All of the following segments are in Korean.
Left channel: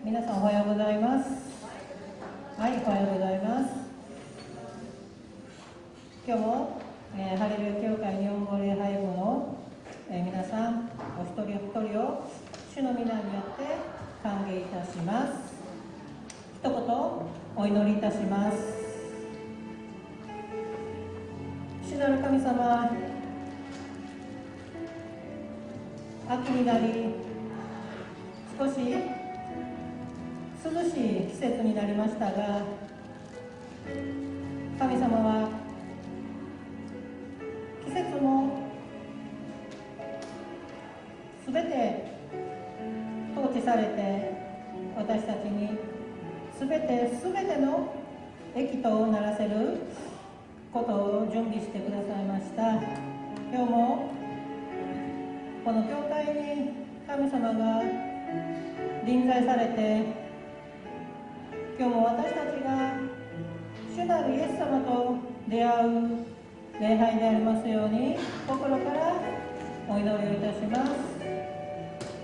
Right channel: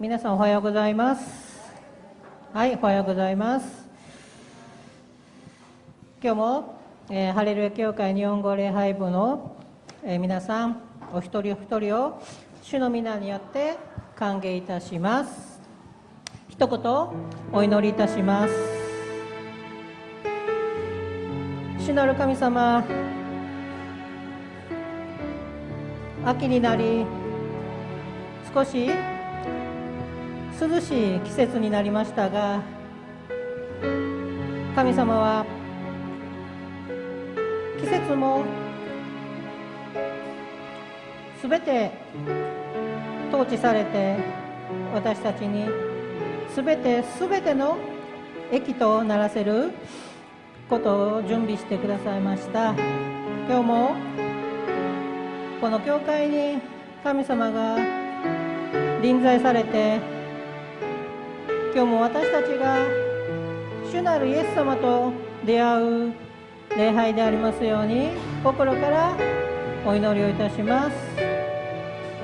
皆さんおはようございます。はい、おはようございます。今日も、ハレルヤ教会日本語礼拝部の、皆さんお一人お一人を主の皆によって歓迎いたします。一言お祈りいたします。主なる神様、秋になり少し涼しい季節になりましたが、神様は季節もすべて統治されて、私たちにすべての益とならせることを準備してくださいました。今日もこの教会に神様が臨在されて、今日も私たちが主なるイエス様と出会う礼拝でありますように、心からお祈りをいたします。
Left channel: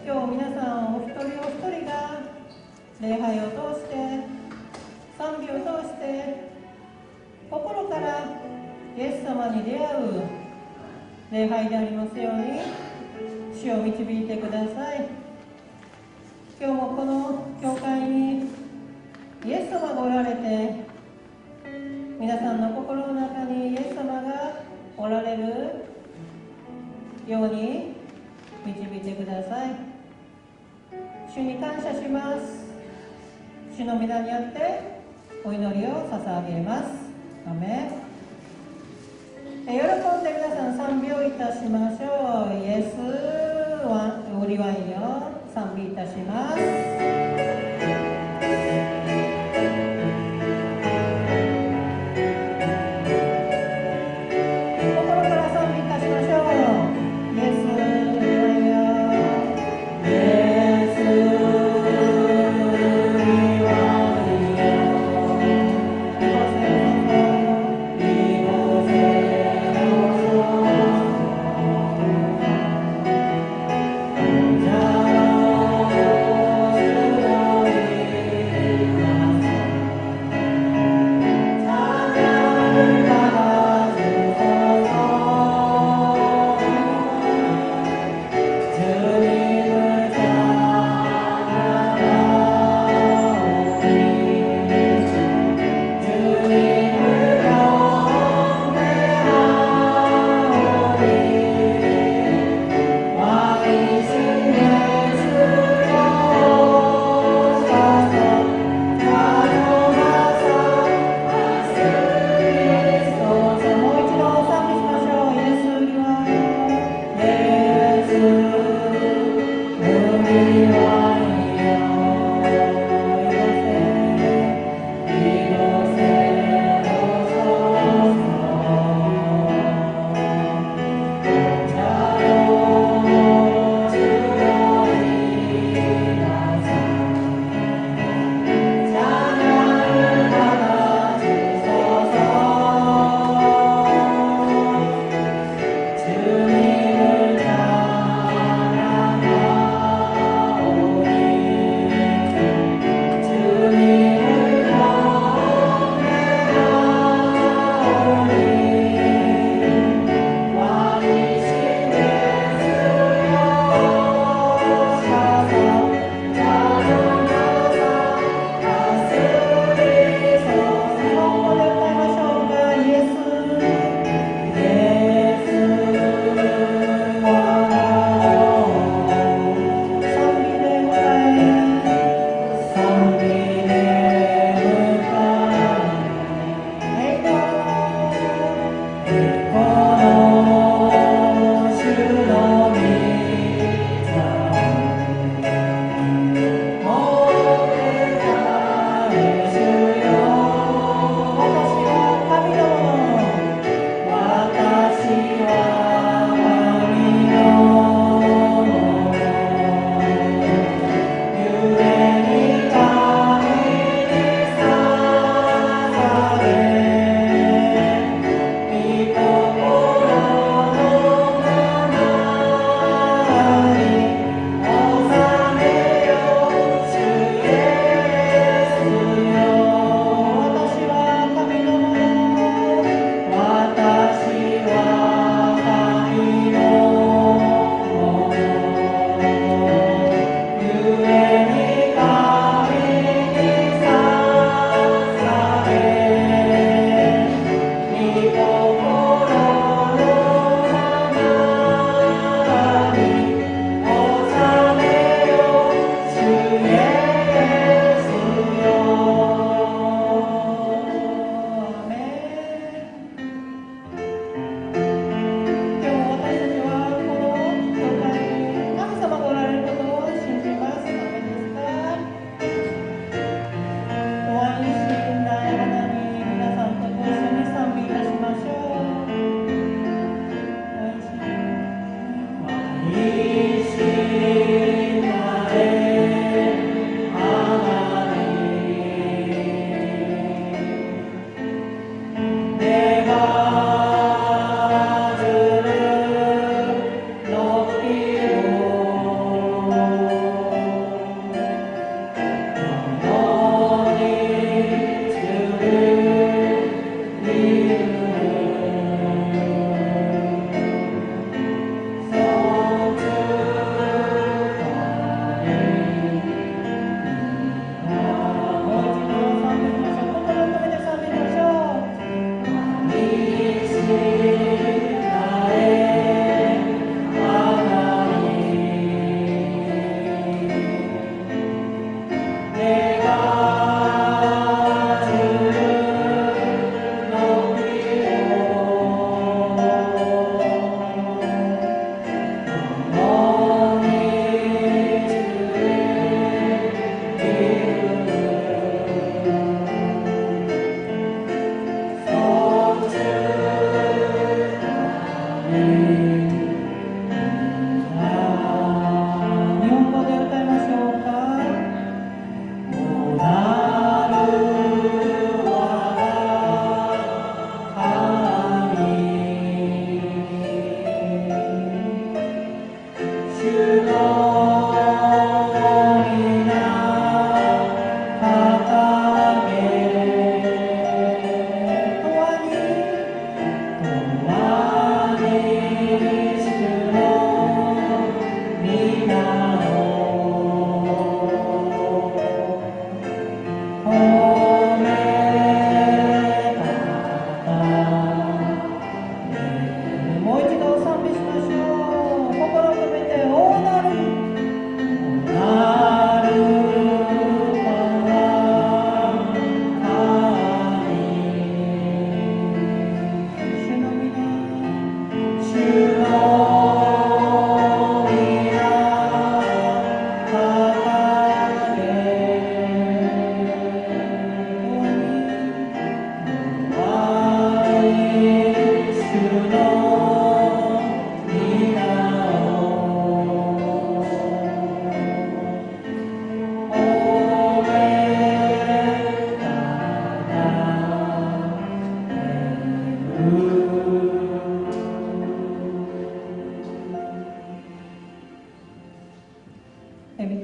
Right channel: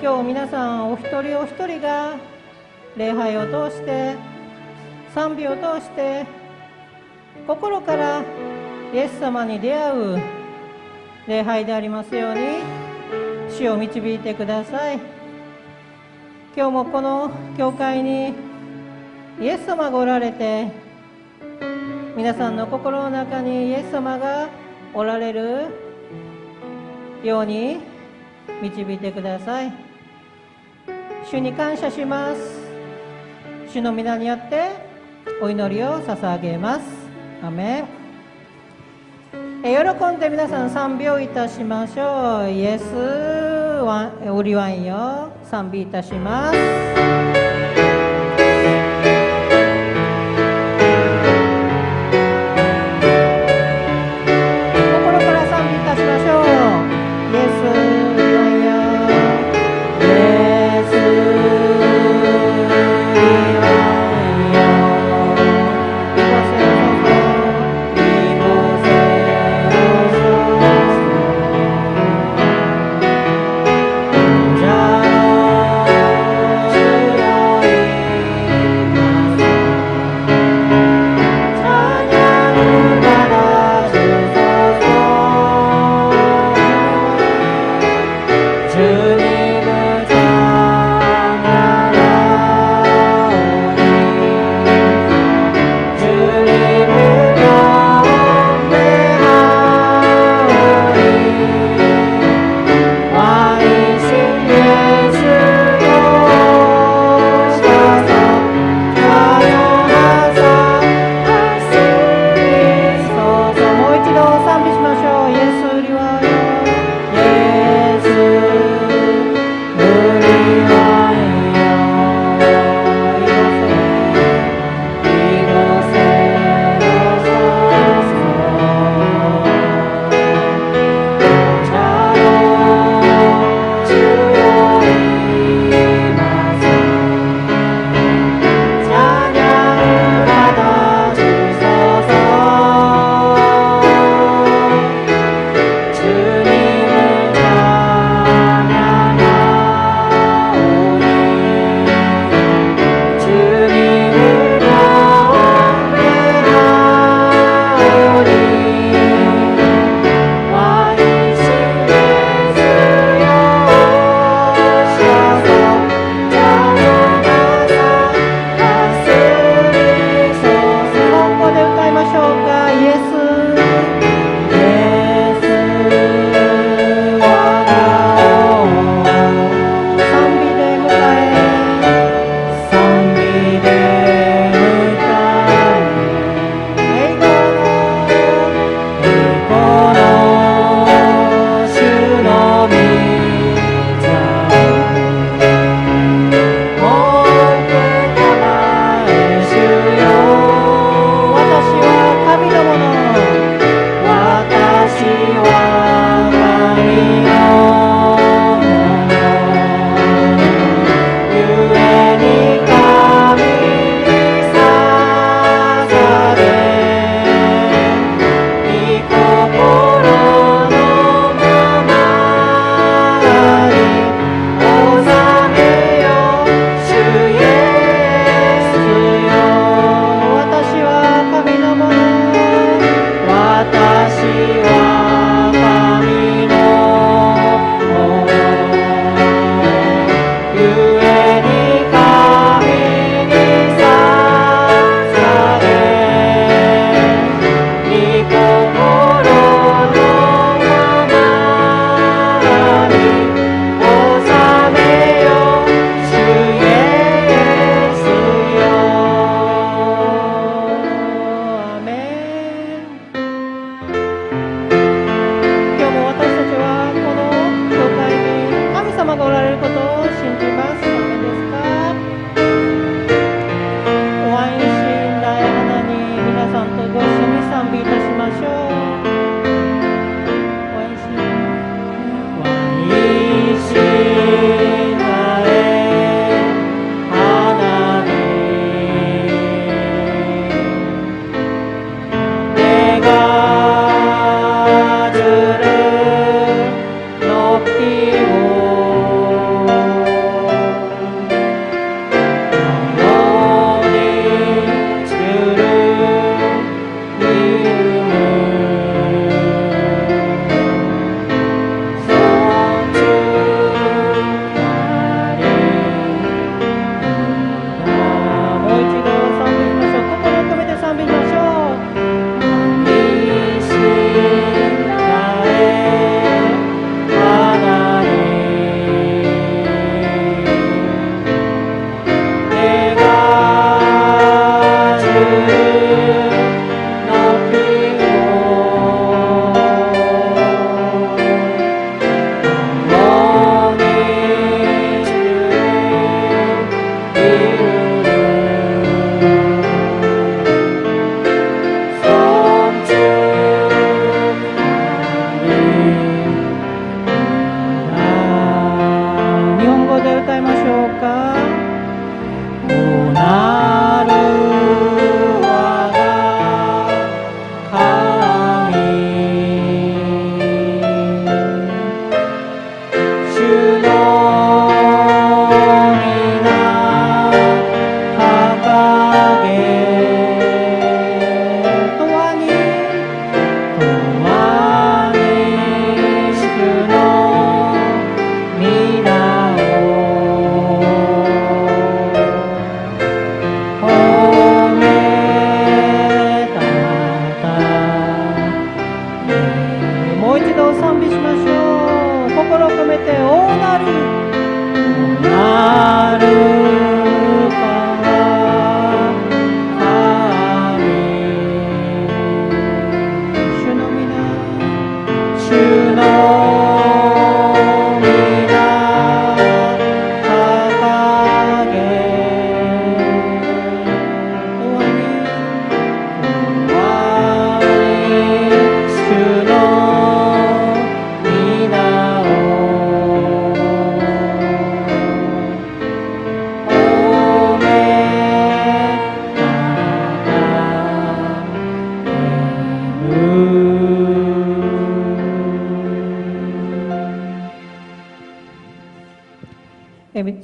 今日皆さんお一人お一人が礼拝を通して、賛美を通して心からイエス様に出会う礼拝でありますように、主を導いてください。今日もこの教会にイエス様がおられて、皆さんの心の中にイエス様がおられるように導いてください。主に感謝します。主の皆によってお祈りを捧げます。アメン。喜んで皆さん賛美をいたしましょう。イエスはオリワインを賛美いたします。じゃあ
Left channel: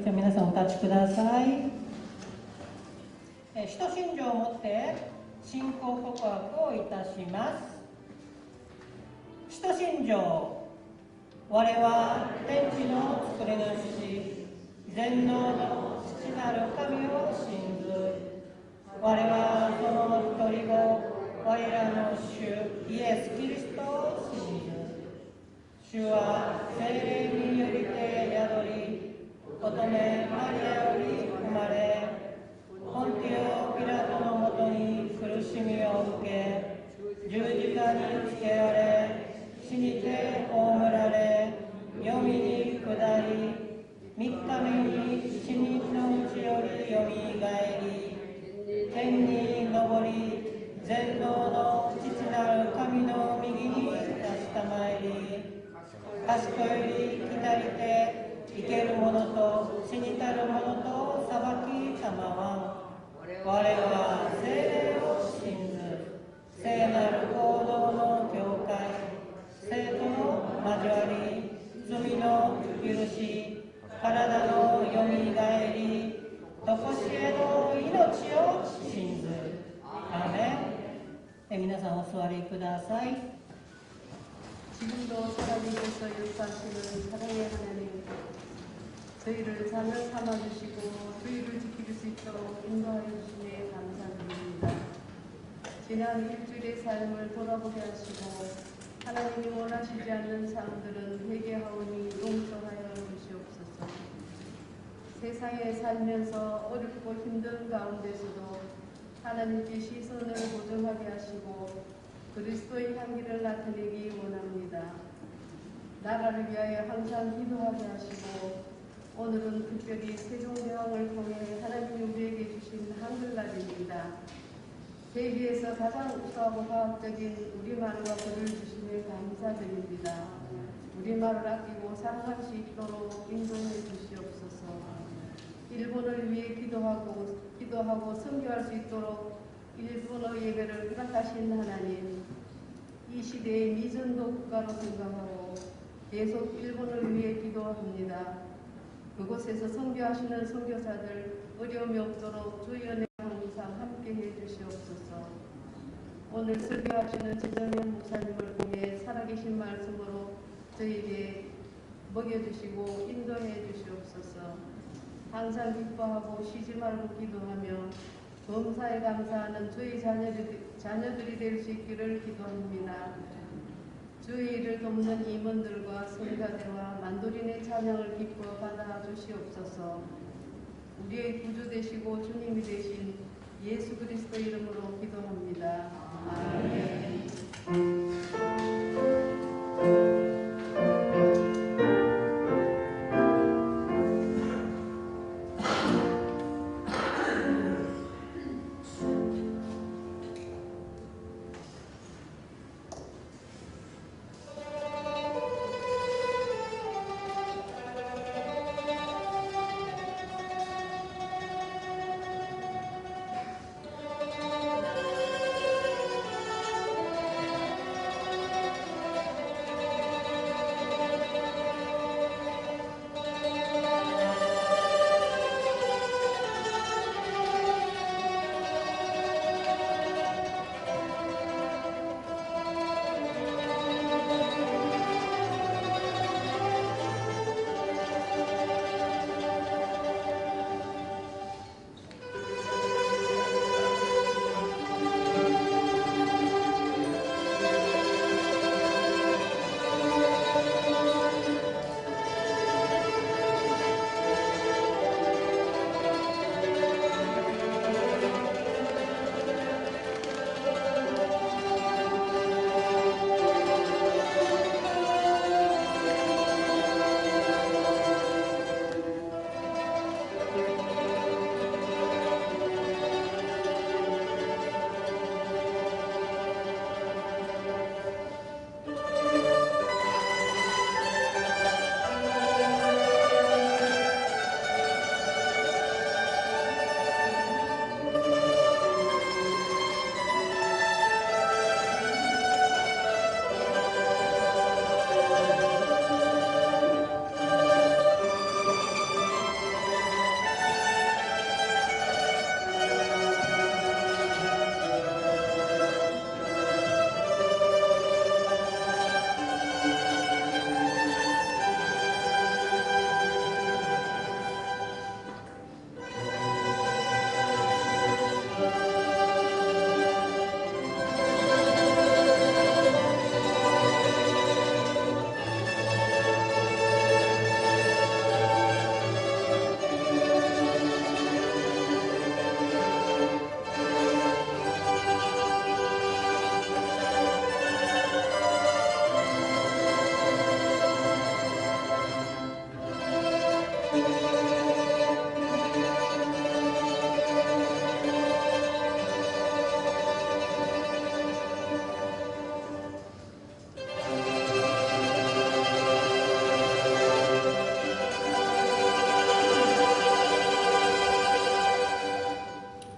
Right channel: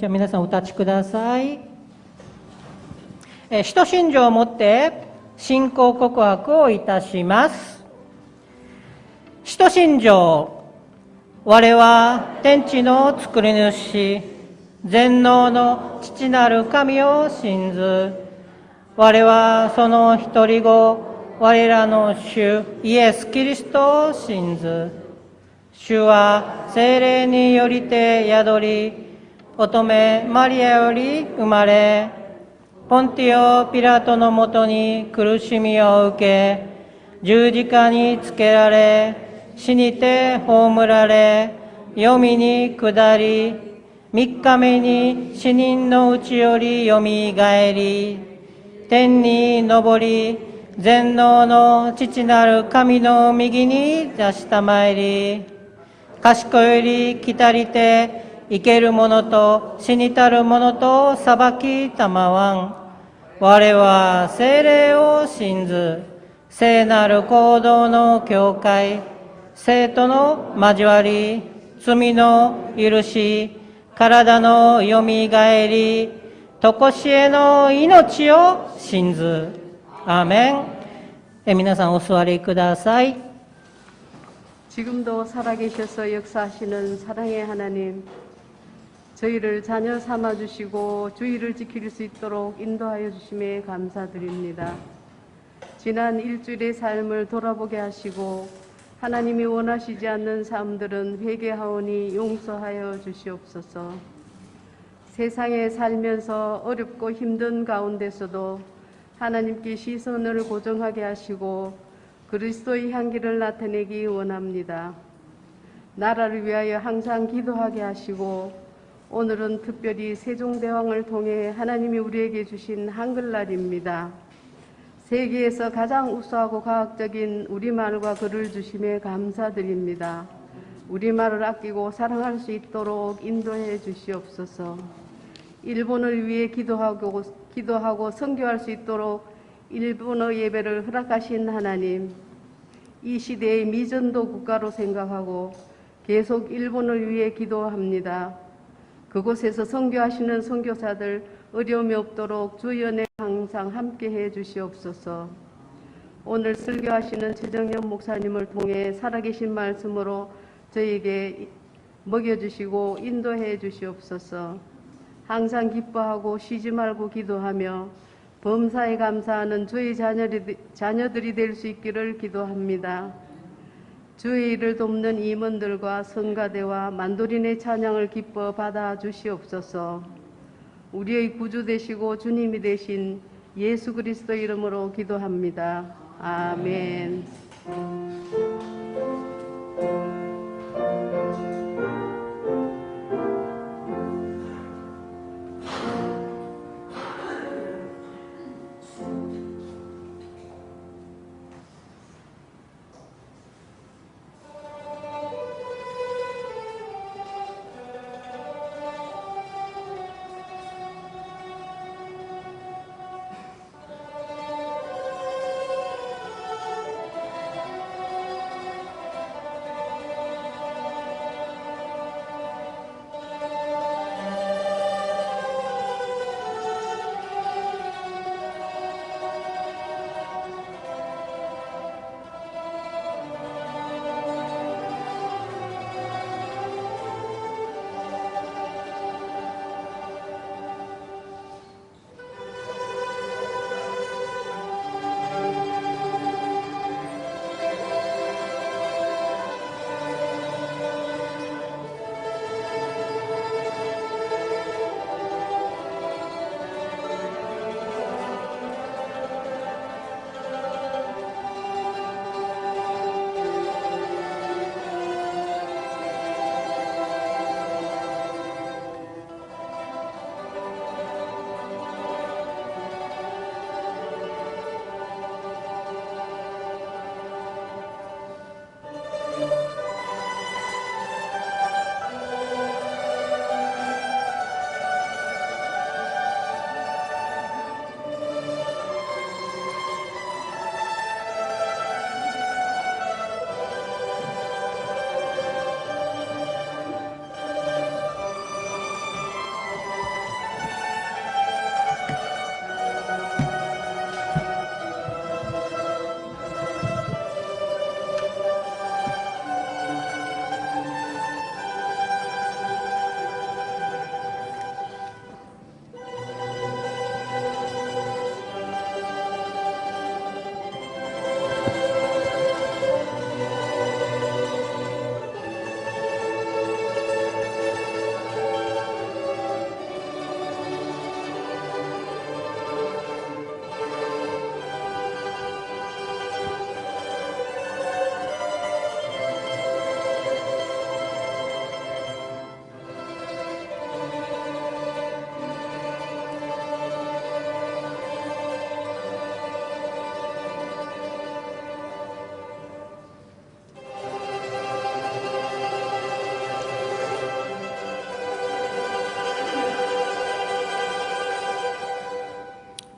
じゃあ皆さんお立ちください。使徒信条をもって信仰告白をいたします。使徒信条。我は天地の作り主、全能の父なる神を信ず。我はその一人子、我らの主イエス・キリストを信ず。主は聖霊によりて宿り、乙女マリアより生まれ、ポンティオ・ピラトのもとに苦しみを受け、十字架につけられ、死にて葬られ、黄泉に下り、三日目に死人のうちよりよみがえり、天に昇り、全能の父なる神の右に座したまいり、賢より来たりて、生ける者と死にたる者と裁きたまわん。我は聖霊を信ず、聖なる行動の教会、生徒の交わり、罪の許し、体のよみがえり、とこしえの命を信ず。アーメン。皆さんお座りください。 지금도 살아계셔서 역사하시는 사랑의 하나님, 저희를 자녀 삼아주시고 주의를 지킬 수 있도록 인도하여 주심에 감사드립니다. 지난 일주일의 삶을 돌아보게 하시고 하나님이 원하시지 않는 삶들은 회개하오니 용서하여 주시옵소서. 세상에 살면서 어렵고 힘든 가운데서도 하나님께 시선을 고정하게 하시고 그리스도의 향기를 나타내기 원합니다. 나라를 위하여 항상 기도하게 하시고 오늘은 특별히 세종대왕을 통해 하나님이 우리에게 주신 한글날입니다. 세계에서 가장 우수하고 과학적인 우리말과 글을 주심에 감사드립니다. 우리말을 아끼고 사랑할 수 있도록 인도해 주시옵소서. 일본을 위해 기도하고 선교할 수 있도록 일본어 예배를 허락하신 하나님, 이 시대의 미전도 국가로 생각하고 계속 일본을 위해 기도합니다. 그곳에서 선교하시는 선교사들 어려움이 없도록 주연에 항상 함께해 주시옵소서. 오늘 설교하시는 최정영 목사님을 통해 살아계신 말씀으로 저에게 먹여주시고 인도해 주시옵소서. 항상 기뻐하고 쉬지 말고 기도하며 범사에 감사하는 주의 자녀들이 될 수 있기를 기도합니다. 주의 일을 돕는 임원들과 성가대와 만도린의 찬양을 기뻐 받아 주시옵소서. 우리의 구주 되시고 주님이 되신 예수 그리스도 이름으로 기도합니다. 아멘.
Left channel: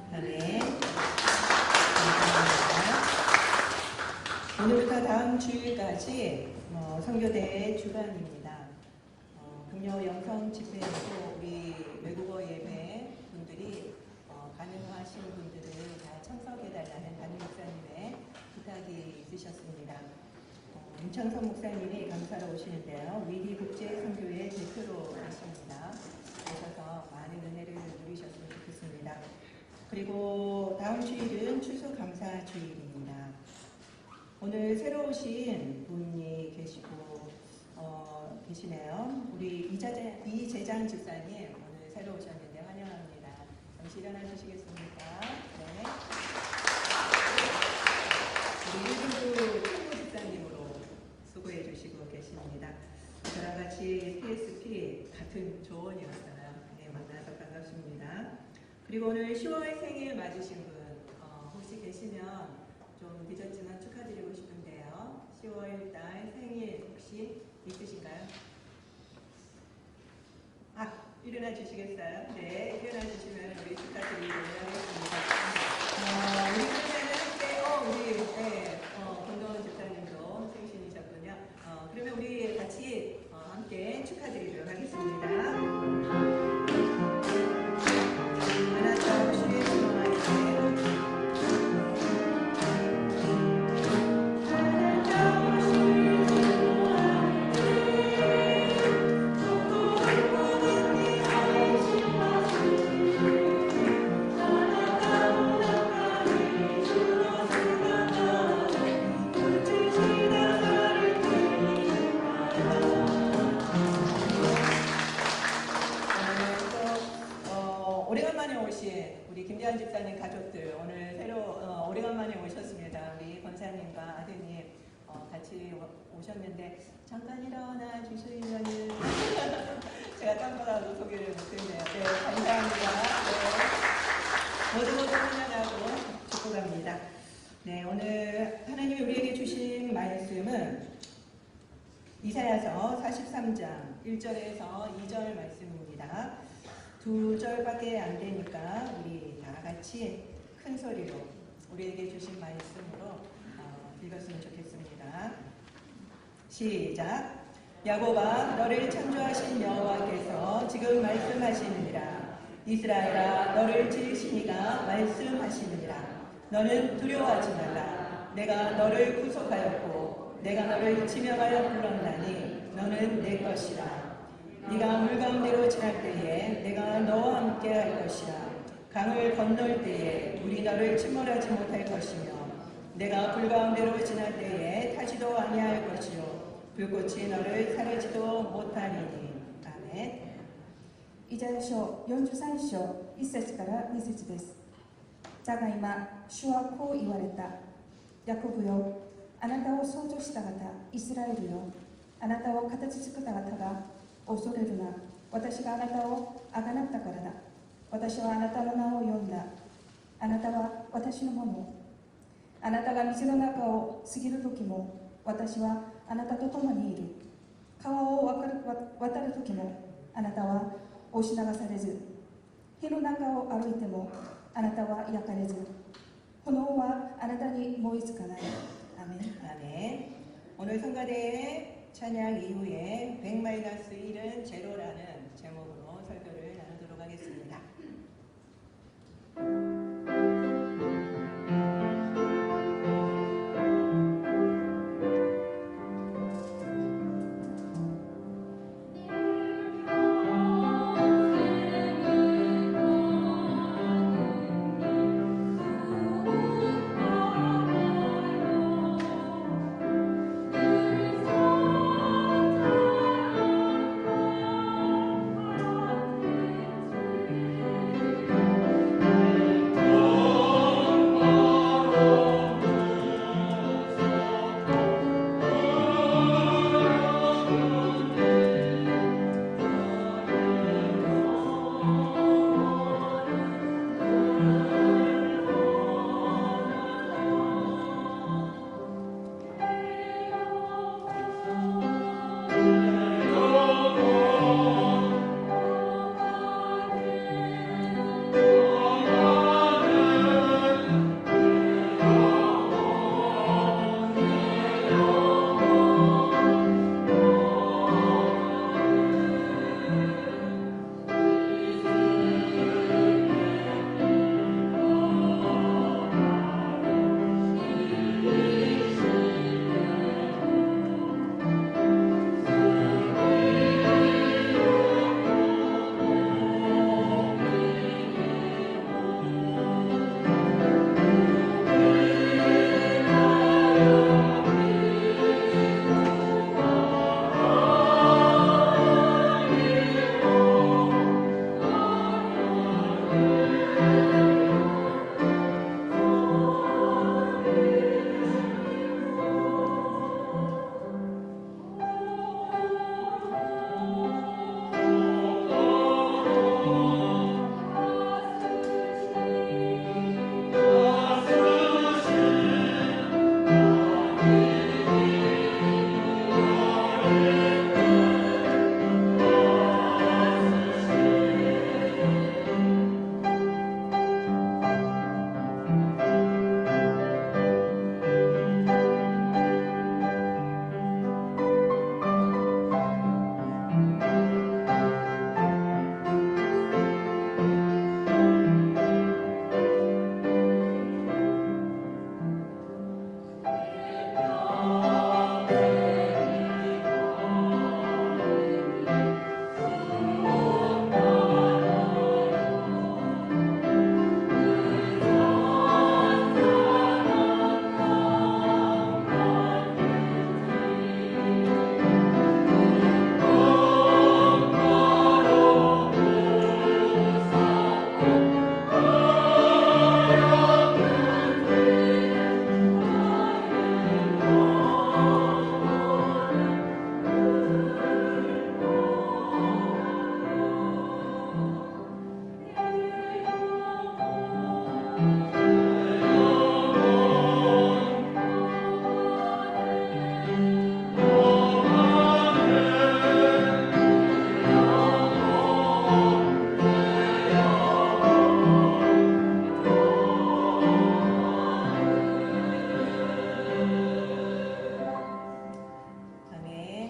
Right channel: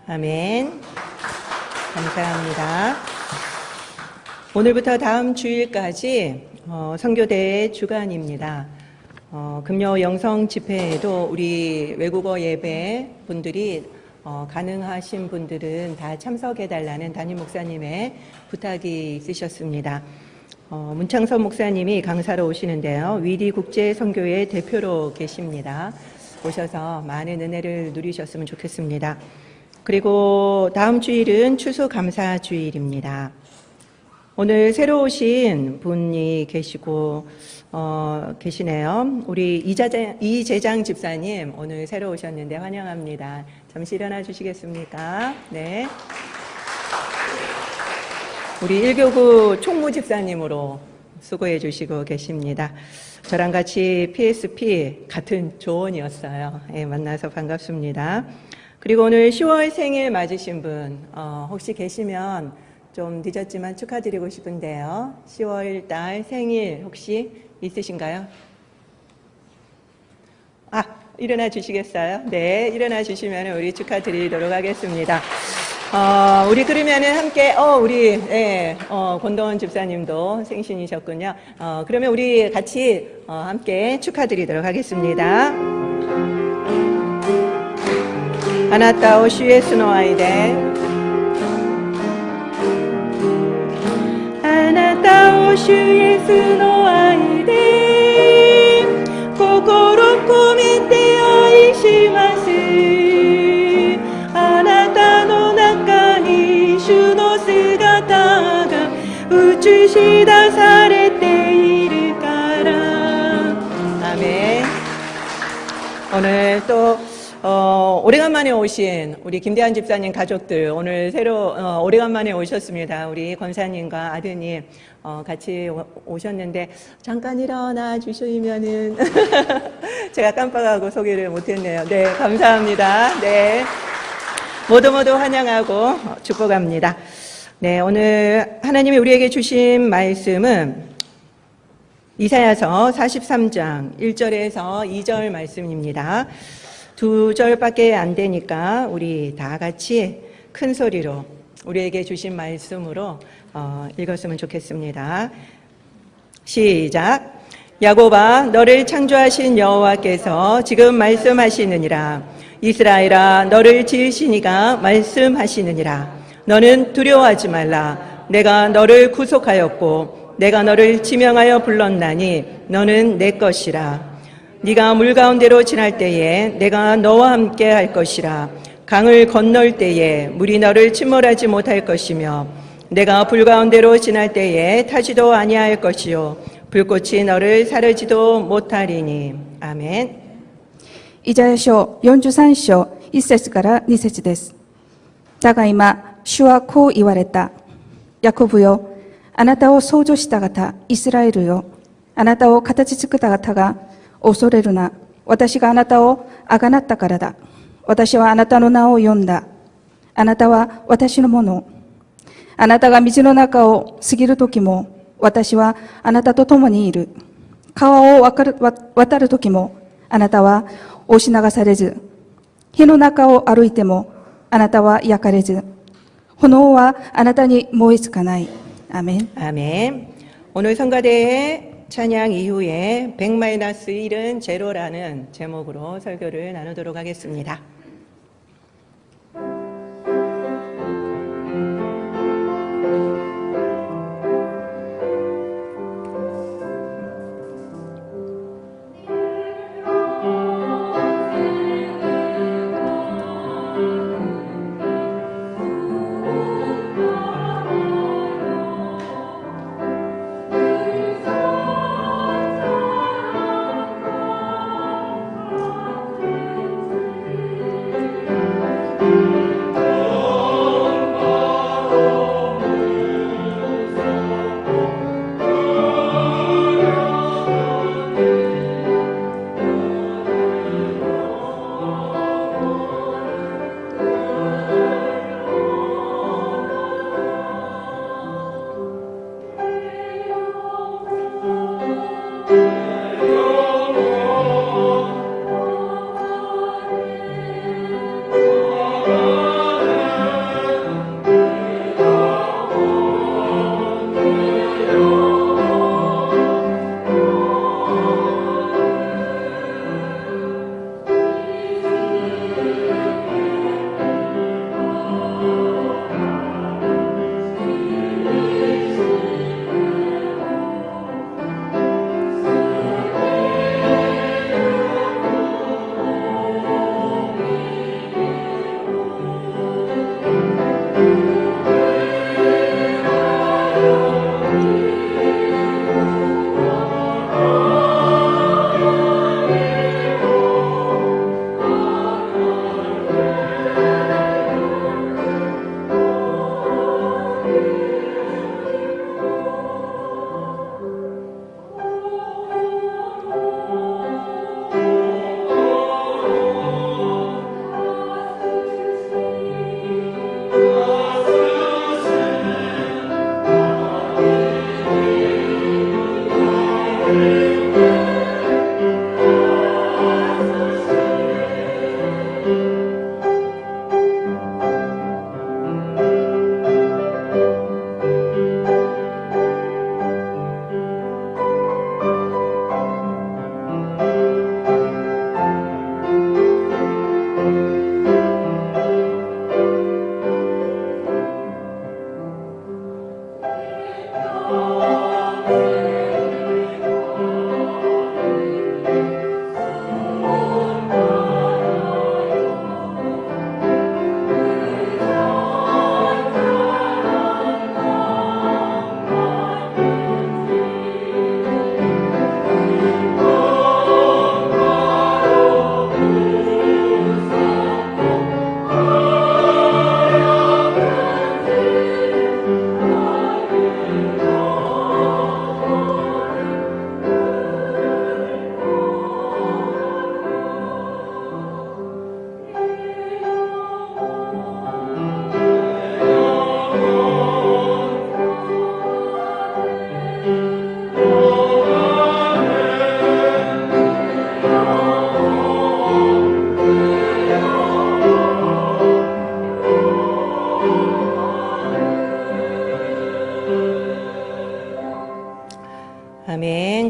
아멘. 감사합니다. 오늘부터 다음 주일까지 선교대의 주간입니다. 금요 영성 집회에도 우리 외국어 예배 분들이 가능하신 분들은 다 참석해달라는 담임 목사님의 부탁이 있으셨습니다. 문창섭 목사님이 강사로 오시는데요. 위리 국제 선교회 대표로 계십니다. 오셔서 많은 은혜를 누리셨으면 좋겠습니다. 그리고 다음 주일은 추수감사 주일입니다. 오늘 새로 오신 분이 계시네요. 우리 이재장 집사님 오늘 새로 오셨는데 환영합니다. 잠시 일어나 주시겠습니까? 네. 우리 1교구 총무 집사님으로 수고해 주시고 계십니다. 저랑 같이 PSP 같은 조원이었어요. 네, 만나서 반갑습니다. 그리고 오늘 10월 생일 맞으신 분 혹시 계시면 좀 늦었지만 축하드리고 싶은데요. 10월 달 생일 혹시 있으신가요? 일어나 주시겠어요? 네, 일어나 주시면 우리 축하드리도록 하겠습니다. 우리 그러면은 함께, 권도원 집사님도 생신이셨군요. 그러면 우리 같이 함께 축하드리도록 하겠습니다. あなたを主イエスの愛であなたを主イエスの愛で心込めて愛しますあなたの中に主の姿が映し出されているから아멘. 오늘 또 오래간만에 오신 우리 김대한 집사님 가족들 오늘 오래간만에 오셨습니다. 우리 권사님과 아드님 같이 오셨는데 잠깐 일어나 주시면은 제가 깜빡하고 소개를 못했네요. 네, 감사합니다. 네, 모두 환영하고 축복합니다. 네, 오늘 하나님이 우리에게 주신 말씀은 이사야서 43장 1절에서 2절 말씀입니다. 2절밖에 안 되니까 우리 다 같이 큰 소리로 우리에게 주신 말씀으로 읽었으면 좋겠습니다. 시작. 야곱아 너를 창조하신 여호와께서 지금 말씀하시느니라. 이스라엘아 너를 지으신 이가 말씀하시느니라. 너는 두려워하지 말라. 내가 너를 구속하였고 내가 너를 지명하여 불렀나니 너는 내 것이라. 네가 물 가운데로 지날 때에 내가 너와 함께 할 것이라. 강을 건널 때에 물이 너를 침몰하지 못할 것이며 내가 불 가운데로 지날 때에 타지도 아니할 것이요 불꽃이 너를 사르지도 못하리니. 아멘. イザヤ書43章1節から2節です。だが今、主はこう言われた。ヤコブよ、あなたを創造した方、イスラエルよ、あなたを形作った方が、恐れるな。私があなたをあがなったからだ。私はあなたの名を呼んだ。あなたは私のもの。あなたが水の中を過ぎるときも、私はあなたと共にいる。川を渡るときも、あなたは押し流されず。火の中を歩いても、あなたは焼かれず。炎はあなたに燃えつかない。アメン。 아멘. 오늘 성가대의 찬양 이후에 100-1은 제로라는 제목으로 설교를 나누도록 하겠습니다.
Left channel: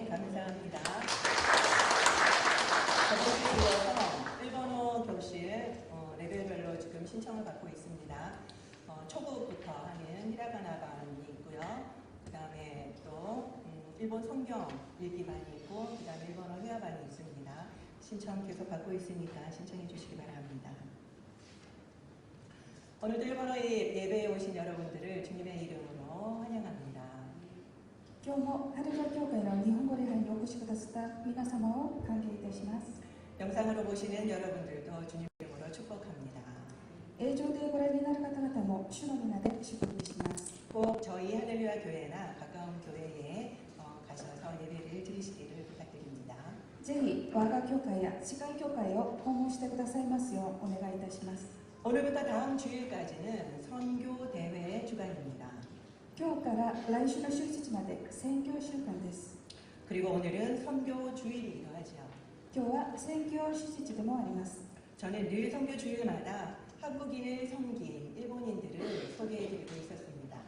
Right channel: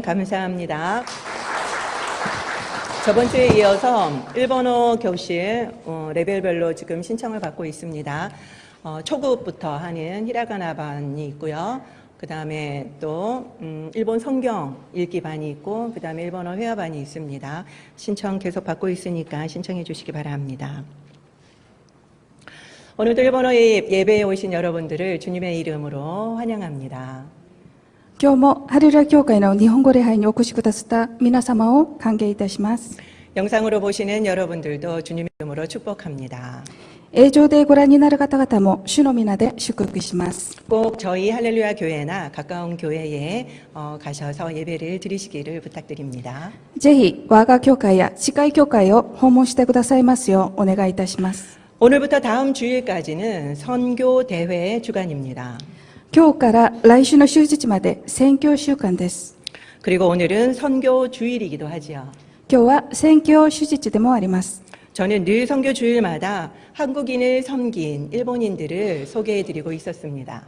감사합니다. 저번 주에 이어서 일본어 교실 레벨별로 지금 신청을 받고 있습니다. 초급부터 하는 히라가나 반이 있고요. 그 다음에 또 일본 성경 읽기 반이 있고 그 다음에 일본어 회화 반이 있습니다. 신청 계속 받고 있으니까 신청해 주시기 바랍니다. 오늘도 일본어 예배에 오신 여러분들을 주님의 이름으로 환영합니다. 今日もハレルヤ教会の日本語礼拝にお越しくださった皆様を歓迎いたします。 영상으로 보시는 여러분들도 주님의 이름으로 축복합니다. 映像でご覧になる方々も主の皆で祝福します。 꼭 저희 할렐루야 교회나 가까운 교회에 가셔서 예배를 드리시기를 부탁드립니다. ぜひ我が教会や近い教会を訪問してくださいますようお願いいたします。 오늘부터 다음 주일까지는 선교 대회 주간입니다. 今日から来週の終日まで宣教週間です。 그리고 오늘은 선교 주일이기도 하지요. 今日は宣教終日でもあります。 저는 늘 선교 주일마다 한국인을 섬긴 일본인들을 소개해드리고 있었습니다.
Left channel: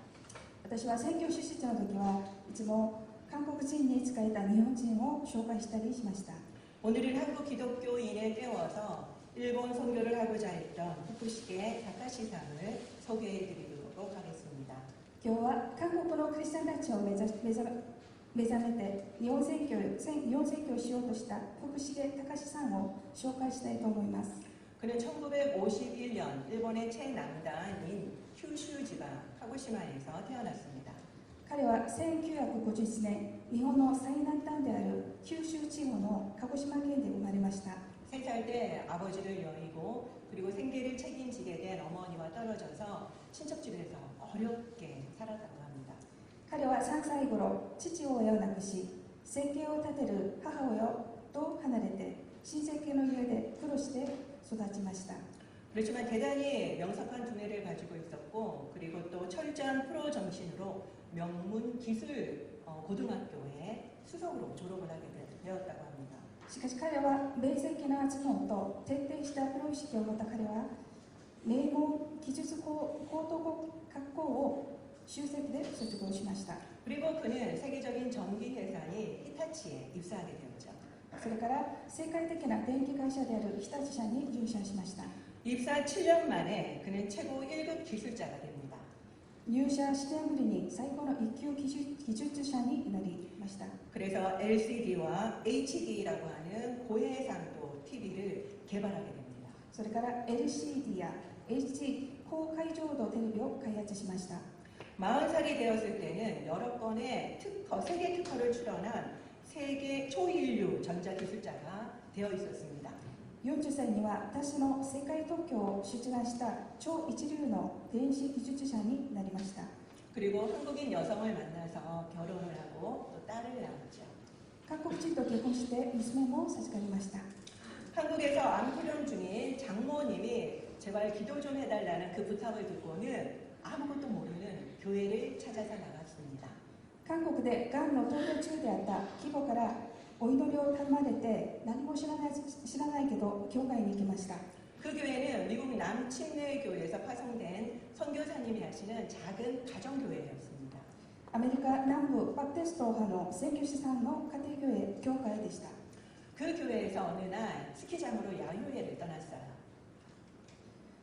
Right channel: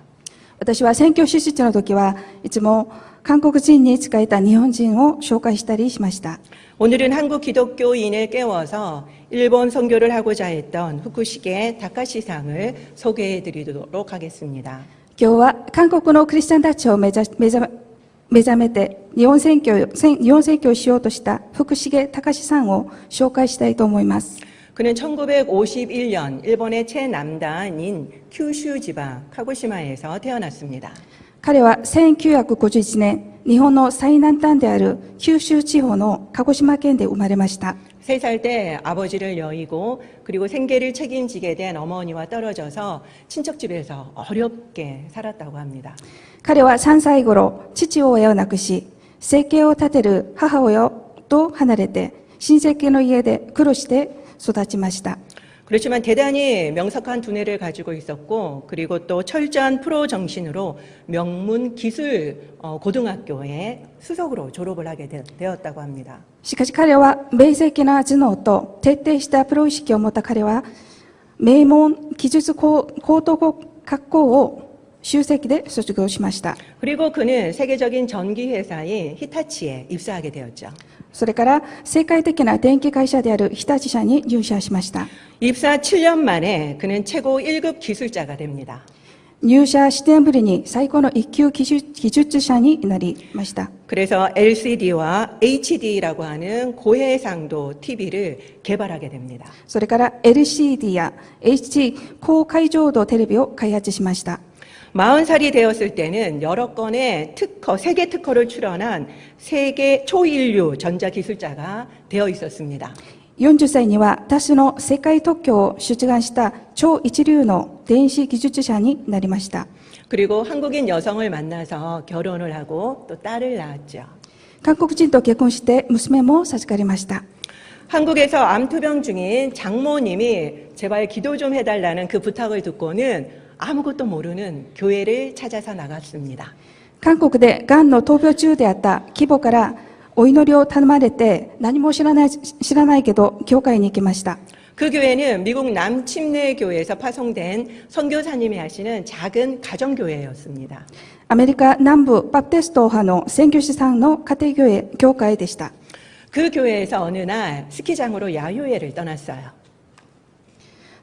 私は宣教終日の時はいつも韓国人に仕えた日本人を紹介したりしました。 오늘은 한국 기독교인을 깨워서 일본 선교를 하고자 했던 후쿠시게 다카시상을 소개해드리도록 하겠습니다. 今日は韓国のクリスチャンたちを目覚めて日本宣教をしようとした福重隆さんを紹介したいと思います。 그는 1951년 일본의 최남단인 큐슈 지방 카고시마에서 태어났습니다. 彼は1951年日本の最南端である九州地方の鹿児島県で生まれました。 3살 때 아버지를 여의고 그리고 생계를 책임지게 된 어머니와 떨어져서 친척집에서 어렵게 살았다고 합니다. 彼は3歳頃父親を亡くし生計を立てる母親と離れて親戚の家で苦労して育ちました。 그렇지만 대단히 명석한 두뇌를 가지고 있었고 그리고 또 철저한 프로 정신으로 명문 기술 고등학교에 수석으로 졸업을 하게 되었다고 합니다. しかし彼は明晰な頭脳と徹底したプロ意識を持った彼は名門技術高等学校を修籍で卒業しました。 그리고 그는 세계적인 전기 회사인 히타치에 입사하게 되었죠. それから世界的な電気会社である日立社に入社しました。 입사 7년 만에 그는 최고 1급 기술자가 됩니다. 入社7年ぶりに最高の一級技術者になりました。 그래서 LCD와 HD라고 하는 고해상도 TV를 개발하게 됩니다. それから LCD や HD 高解像度テレビを開発しました。 40살이 되었을 때는 여러 건의 특허, 세계 특허를 출원한 세계 초인류 전자기술자가 되어 있었습니다. 40歳には多数の世界特許を出願した超一流の電子技術者になりました。 그리고 한국인 여성을 만나서 결혼을 하고 또 딸을 낳았죠. 韓国人と結婚して娘も授かりました。 한국에서 암투병 중인 장모님이 제발 기도 좀 해달라는 그 부탁을 듣고는 아무것도 모르는 교회를 찾아서 나갔습니다. 韓国でがんの闘病中であった義母からお祈りを頼まれて何も知らないけど教会に行きました。 그 교회는 미국 남침례교회에서 파송된 선교사님이 하시는 작은 가정교회였습니다. アメリカ南部バプテスト派の宣教師さんの家庭教会でした。 그 교회에서 어느 날 스키장으로 야유회를 떠났어요.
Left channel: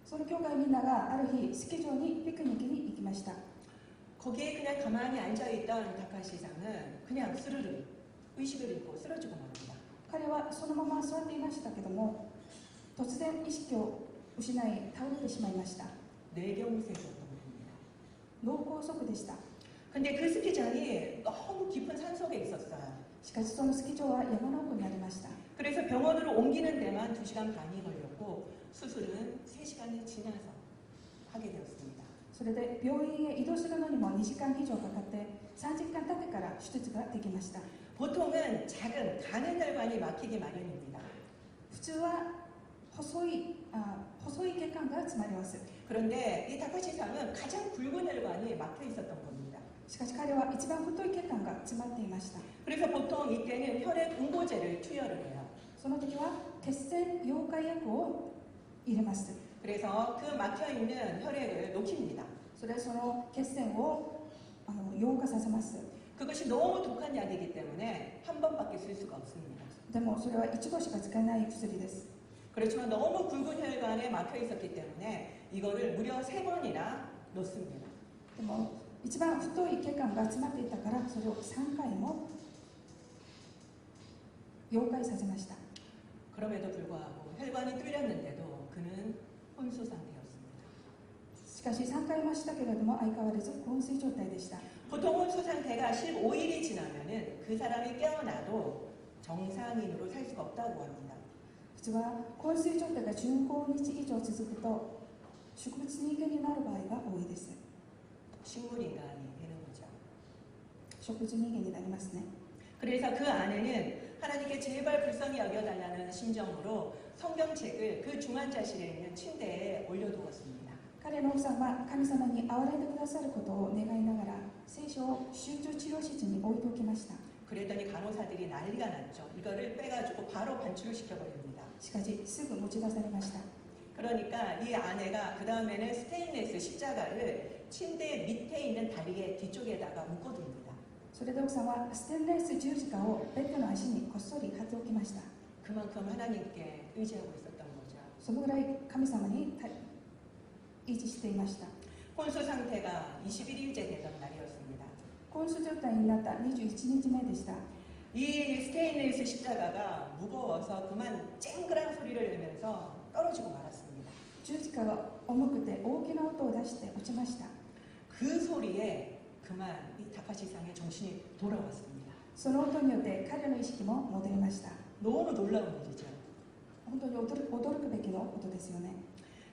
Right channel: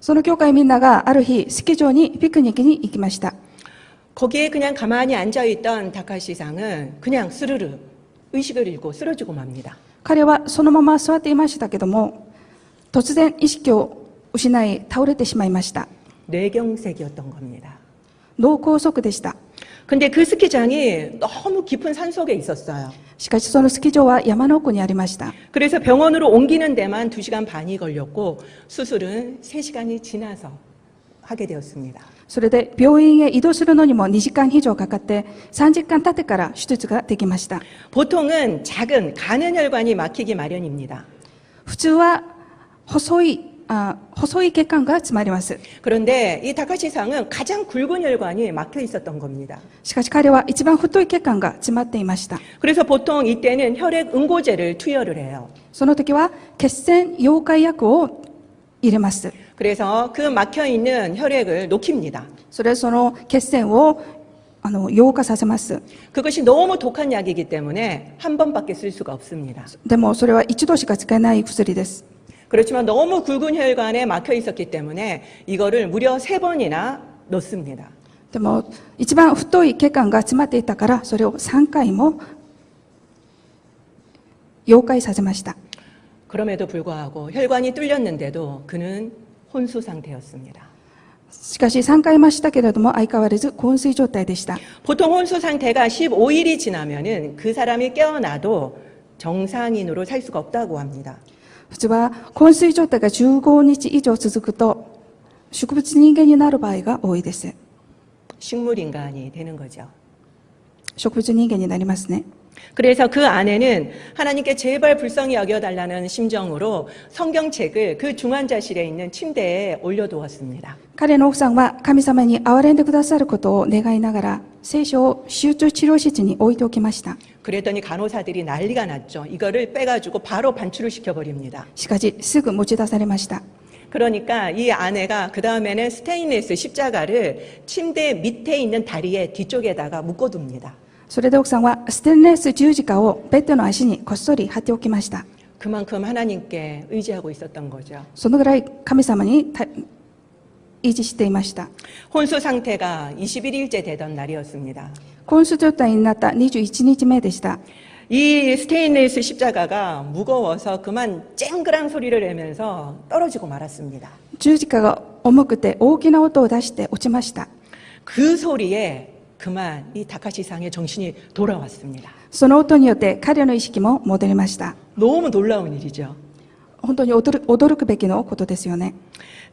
その教会みんながある日スキー場にピクニックに行きました。 거기에 그냥 가만히 앉아있던 다카시상은 그냥 스르르 의식을 잃고 쓰러지고 맙니다. 彼はそのまま座っていましたけども突然意識を失い倒れてしまいました。 뇌경색이었던 겁니다. 脳梗塞でした。 근데 그 스키장이 너무 깊은 산속에 있었어요. しかしそのスキー場は山の奥にありました。 그래서 병원으로 옮기는 데만 2시간 반이 걸렸고 수술은 3시간이 지나서 하게 되었습니다. それで病院へ移動するのにも2時間以上かかって3時間経ってから手術ができました。 보통은 작은 가는 혈관이 막히기 마련입니다. 普通は細い血管が詰まります。 그런데 이 다카시상은 가장 굵은 혈관이 막혀 있었던 겁니다. しかし彼は一番太い血管が詰まっていました。 그래서 보통 이때는 혈액 응고제를 투여를 해요. その時は血栓溶解薬を入れます。 그래서 그 막혀 있는 혈액을 녹입니다. その血栓を溶化させます。 그것이 너무 독한 약이기 때문에 한 번밖에 쓸 수가 없습니다. でもそれは一度しか使えない薬です。 그렇지만 너무 굵은 혈관에 막혀 있었기 때문에 이거를 무려 3번이나 넣습니다. でも一番太い血管が詰まっていたからそれを3回も溶解させました。 그럼에도 불구하고 혈관이 뚫렸는데도 그는 혼수 상태였습니다. しかし3回ましたけれども相変わらず昏睡状態でした。 보통 혼수 상태가 15일이 지나면은 그 사람이 깨어나도 정상인으로 살 수가 없다고 합니다. 普通は昏睡状態が15日以上続くと植物人間になる場合が多いです。 식물인간이 되는 거죠. 植物人間になりますね。 그래서 그 아내는 하나님께 제발 불쌍히 여겨달라는 심정으로 성경책을 그 중환자실에 있는 침대에 올려두었습니다. 彼の奥さんは神様に憐れんでくださることを願いながら聖書を集中治療室に置いておきました。 그랬더니 간호사들이 난리가 났죠. 이거를 빼가지고 바로 반출을 시켜버립니다. しかしすぐ持ち出されました。 그러니까 이 아내가 그 다음에는 스테인리스 십자가를 침대 밑에 있는 다리에 뒤쪽에다가 묶어둡니다. それで奥さんはステンレス十字架をベッドの足にこっそり貼っておきました。 그만큼 하나님께 의지하고 있었던 거죠. そのぐらい神様に維持していました。 혼수 상태가 21일째 되던 날이었습니다. 昏睡状態になった21日目でした。 이 스테인리스 십자가가 무거워서 그만 쨍그랑 소리를 내면서 떨어지고 말았습니다. 十字架が重くて大きな音を出して落ちました。 그 소리에 그만 이 다카시상의 정신이 돌아왔습니다. その音によって彼の意識も戻りました。 너무 놀라운 일이죠. 本当に驚くべきのことですよね。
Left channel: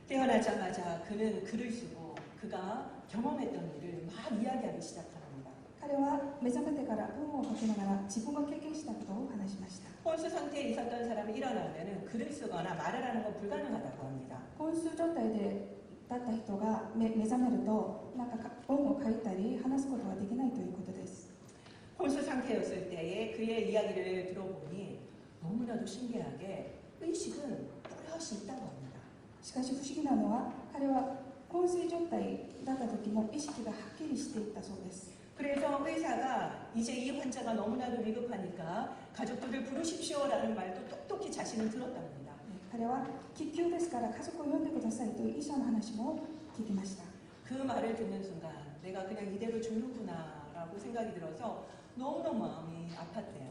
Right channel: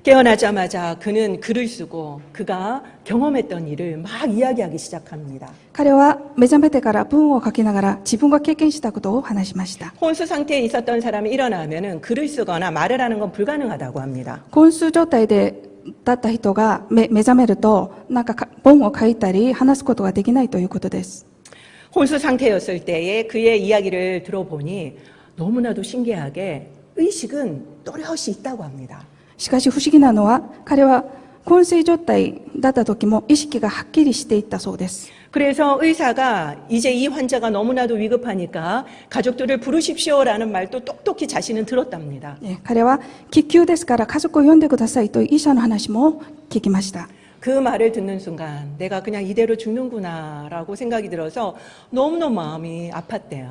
깨어나자마자 그는 글을 쓰고 그가 경험했던 일을 막 이야기하기 시작합니다. 彼は目覚めてから文を書きながら自分が経験したことを話しました。 혼수 상태에 있었던 사람이 일어나면은 글을 쓰거나 말을 하는 건 불가능하다고 합니다. 昏睡状態だった人が目覚めるとなんか本を書いたり話すことができないということです。 혼수 상태였을 때에 그의 이야기를 들어보니 너무나도 신기하게 의식은 또렷이 있다고 합니다. しかし不思議なのは彼は昏睡状態だった時も意識がはっきりしていったそうです。 그래서 의사가 이제 이 환자가 너무나도 위급하니까 가족들을 부르십시오라는 말도 똑똑히 자신은 들었답니다. 彼は緊急ですから家族を呼んでくださいという医者の話も聞きました。 그 말을 듣는 순간 내가 그냥 이대로 죽는구나라고 생각이 들어서 너무너무 마음이 아팠대요.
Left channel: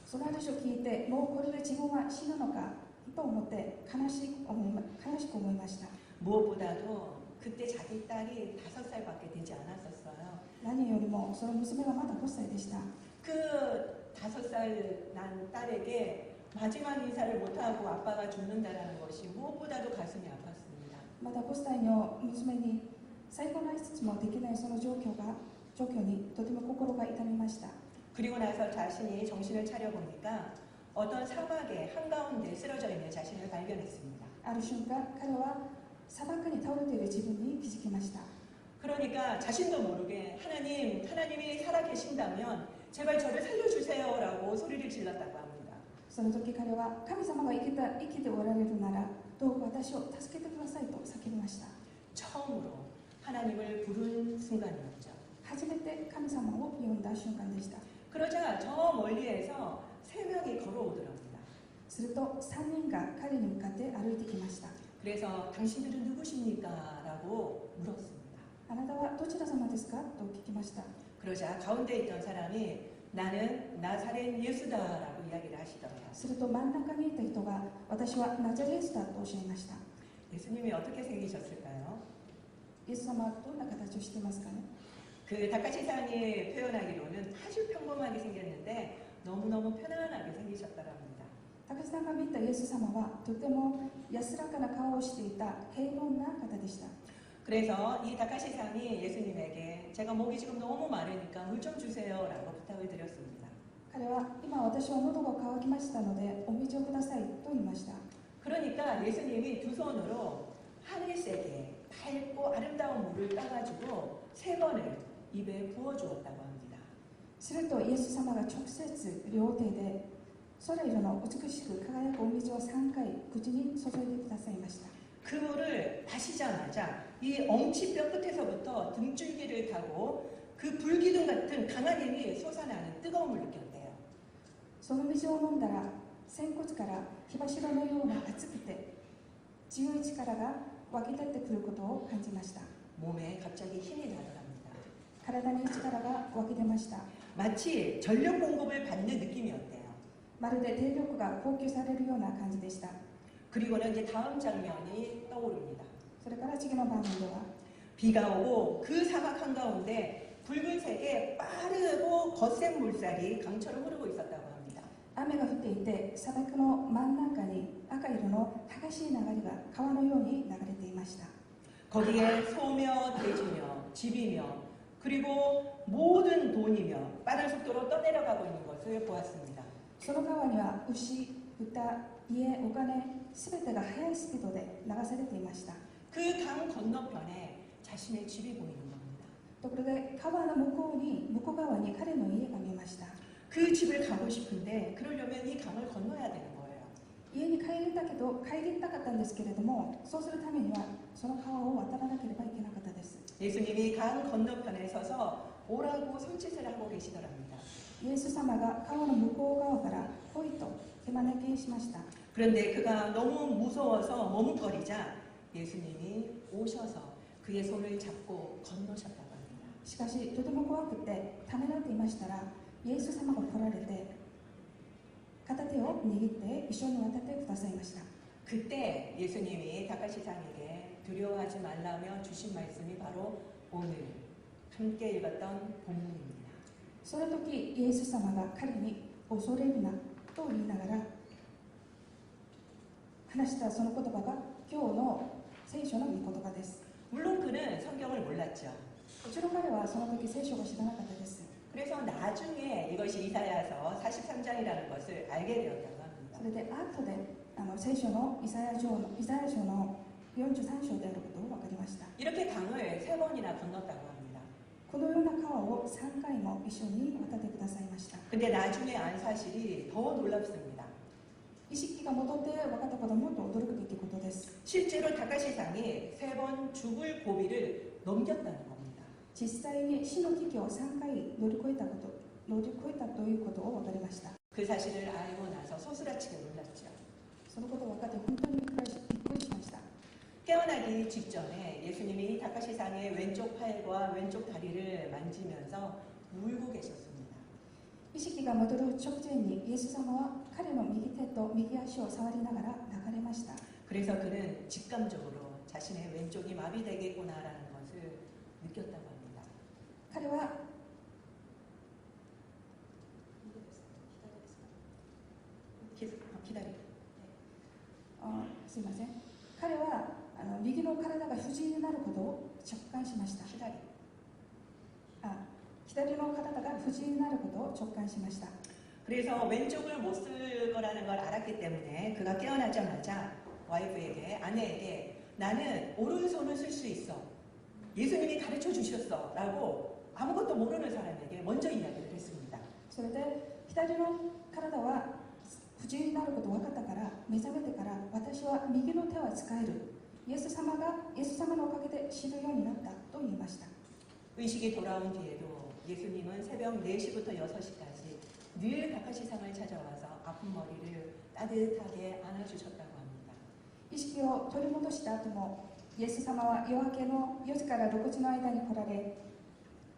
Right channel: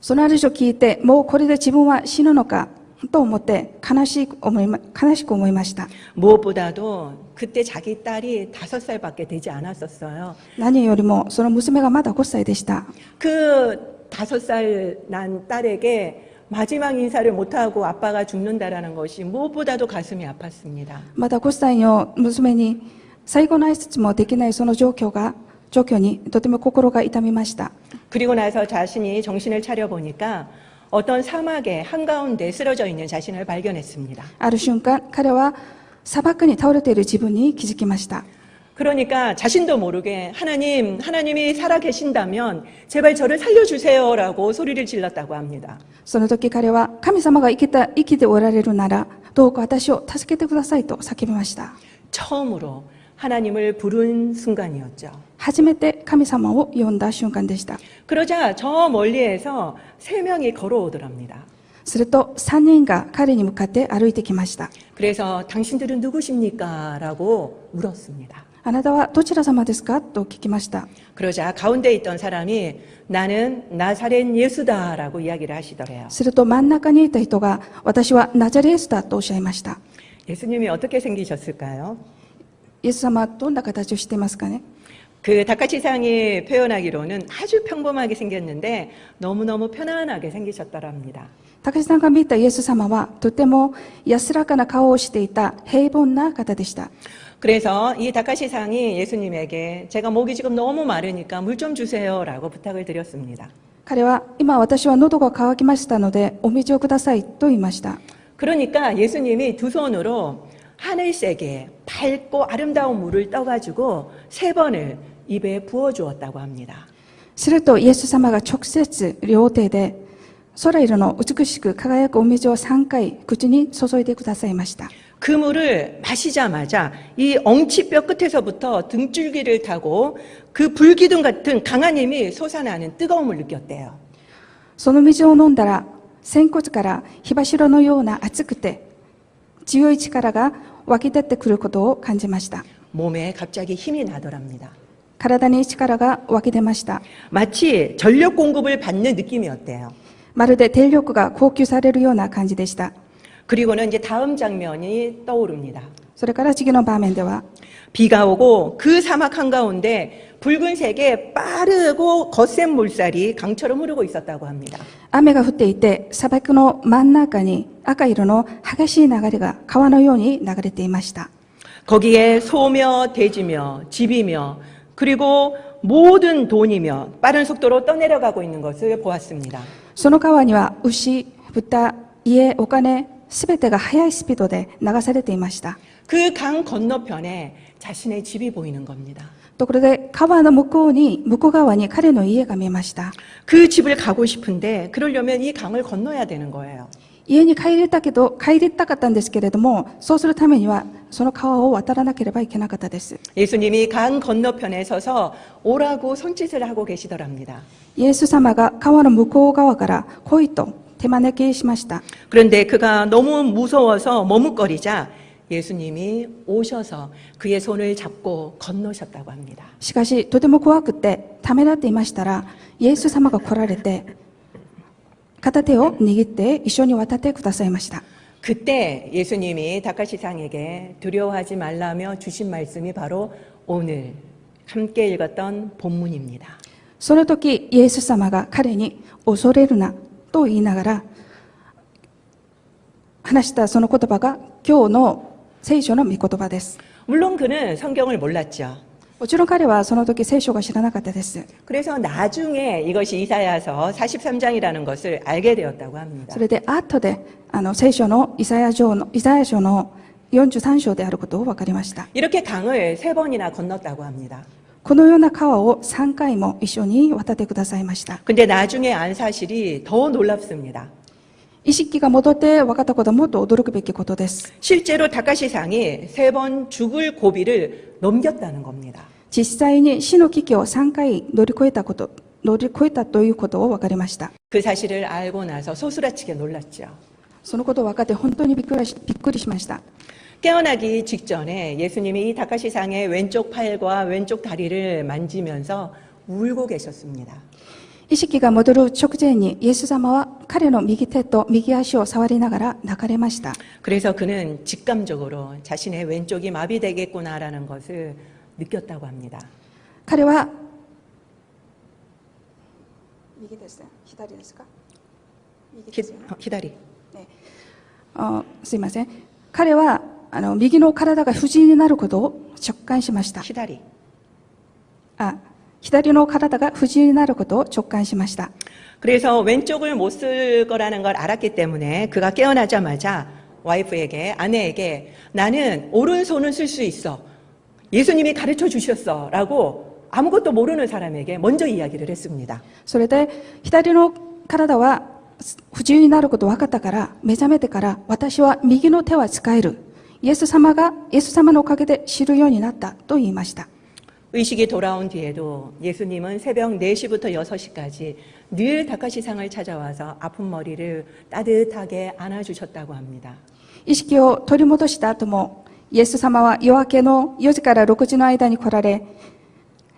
その話を聞いてもうこれで自分は死ぬのかと思って悲しく思いました。 무엇보다도 그때 자기 딸이 5살밖에 되지 않았었어요. 何よりもその娘がまだ5歳でした。 그 5살 난 딸에게 마지막 인사를 못하고 아빠가 죽는다라는 것이 무엇보다도 가슴이 아팠습니다. まだ5歳の娘に最後の挨拶もできないその状況にとても心が痛みました。 그리고 나서 자신이 정신을 차려보니까 어떤 사막의 한가운데 쓰러져 있는 자신을 발견했습니다. ある瞬間彼は砂漠に倒れている自分に気づきました。 그러니까 자신도 모르게 하나님이 살아계신다면 제발 저를 살려주세요라고 소리를 질렀다고 합니다. その時彼は神様が生きておられるならどうか私を助けてくださいと叫びました。 처음으로 하나님을 부른 순간이었죠. 初めて神様を呼んだ瞬間でした。 그러자 저 멀리에서 3명이 걸어오더랍니다. すると3人が彼に向かって歩いてきました。 그래서 당신들은 누구십니까? 라고 물었습니다. あなたはどちら様ですかと聞きました。 그러자 가운데 있던 사람이 나는 나사렛 예수다 라고 이야기를 하시더래요. すると真ん中にいた人が私はナザレエスだとおっしゃいました。 예수님이 어떻게 생기셨을까요? イエス様はどんな形をしていますかね。 그 다카치상이 표현하기로는 아주 평범하게 생겼는데 너무너무 편안하게 생기셨더랍니다. 高橋さんが見たイエス様はとても安らかな顔をしていた平凡な方でした。 그래서 이 다카시상이 예수님에게 제가 목이 지금 너무 마르니까 물 좀 주세요라고 부탁을 드렸습니다. 彼は今私は喉が渇きましたのでお水をくださいと言いました。 그러니까 예수님이 두 손으로 하늘색의 밝고 아름다운 물을 떠가지고 3번을 입에 부어주었다고 합니다. するとイエス様が直接両手で空色の美しく輝くお水を3回口に注いでくださいました。 그 물을 마시자마자 이 엉치뼈 끝에서부터 등줄기를 타고 그 불기둥 같은 강한 힘이 솟아나는 뜨거움을 느꼈대요. その水を飲んだら、仙骨から火柱のような熱くて、強い力が湧き出てくることを感じました。 몸에 갑자기 힘이 나더랍니다. 体に力が湧き出ました。 마치 전력 공급을 받는 느낌이었대요. まるで電力が供給されるような感じでした。 그리고는 이제 다음 장면이 떠오릅니다. それから次の場面では、 비가 오고 그 사막 한가운데 붉은색의 빠르고 거센 물살이 강처럼 흐르고 있었다고 합니다. 雨が降っていて、砂漠の真ん中に赤色の激しい流れが川のように流れていました。 거기에 소며 돼지며 집이며 그리고 모든 돈이며 빠른 속도로 떠내려가고 있는 것을 보았습니다. その川には牛、豚、家、お金、すべてが速いスピードで流されていました。 그 강 건너편에 자신의 집이 보이는 겁니다. ところで川の向こう側に彼の家が見えました。 그 집을 가고 싶은데 그러려면 이 강을 건너야 되는 거예요. 家に帰りたかったんですけれども、そうするためにはその川を渡らなければいけなかったです。 예수님이 강 건너편에 서서 오라고 손짓을 하고 계시더랍니다. イエス様が川の向こう側から来いと手招きしました。 그런데 그가 너무 무서워서 머뭇거리자 예수님이 오셔서 그의 손을 잡고 건너셨다고 합니다. しかしとても怖くてためらっていましたら、イエス様が来られて片手を握って一緒に渡ってくださいました。 그때 예수님이 다카시상에게 두려워하지 말라며 주신 말씀이 바로 오늘 함께 읽었던 본문입니다. その時イエス様が彼に恐れるなと言いながら話したその言葉が今日の聖書の御言葉です。 물론 그는 성경을 몰랐죠. もちろん彼はその時聖書が知らなかったです。 그래서 나중에 이것이 이사야서 43장이라는 것을 알게 되었다고 합니다. それで後で聖書のイザヤ書の43章であることを分かりました。 이렇게 강을 3번이나 건넜다고 합니다. このような川を3回も一緒に渡ってくださいました。 근데 나중에 안 사실이 더 놀랍습니다. 意識が戻って分かったことはもっと驚くべきことです。 실제로 다카시상이 3번 죽을 고비를 넘겼다는 겁니다. 実際に死の危機を3回乗り越えたということを分かりました。 그 사실을 알고 나서 소스라치게 놀랐죠. そのことを分かって本当にびっくりしました。 깨어나기 직전에 예수님이 이 다카시상의 왼쪽 팔과 왼쪽 다리를 만지면서 울고 계셨습니다. 意識が戻る直前にイエス様は彼の右手と右足を触りながら泣かれました。 그래서 그는 직감적으로 자신의 왼쪽이 마비되겠구나라는 것을 느꼈다고 합니다. 彼は右ですね。左ですか？右ですよね。 기다리. すいません。彼は右の体が不自由になることを直感しました。 기다리. 左の体が不自由になることを直感しました。 그래서 왼쪽을 못 쓸 거라는 걸 알았기 때문에 그가 깨어나자마자 와이프에게 아내에게 나는 오른손을 쓸 수 있어. 예수님이 가르쳐 주셨어. 라고 아무것도 모르는 사람에게 먼저 이야기를 했습니다. それで左の体は不自由になることを分かったから目覚めてから私は右の手は使える。イエス様のおかげで知るようになったと言いました。 의식이 돌아온 뒤에도 예수님은 새벽 4시부터 6시까지 늘 다카시상을 찾아와서 아픈 머리를 따뜻하게 안아주셨다고 합니다. 意識を取り戻した後もイエス様は夜明けの4時から6時の間に来られ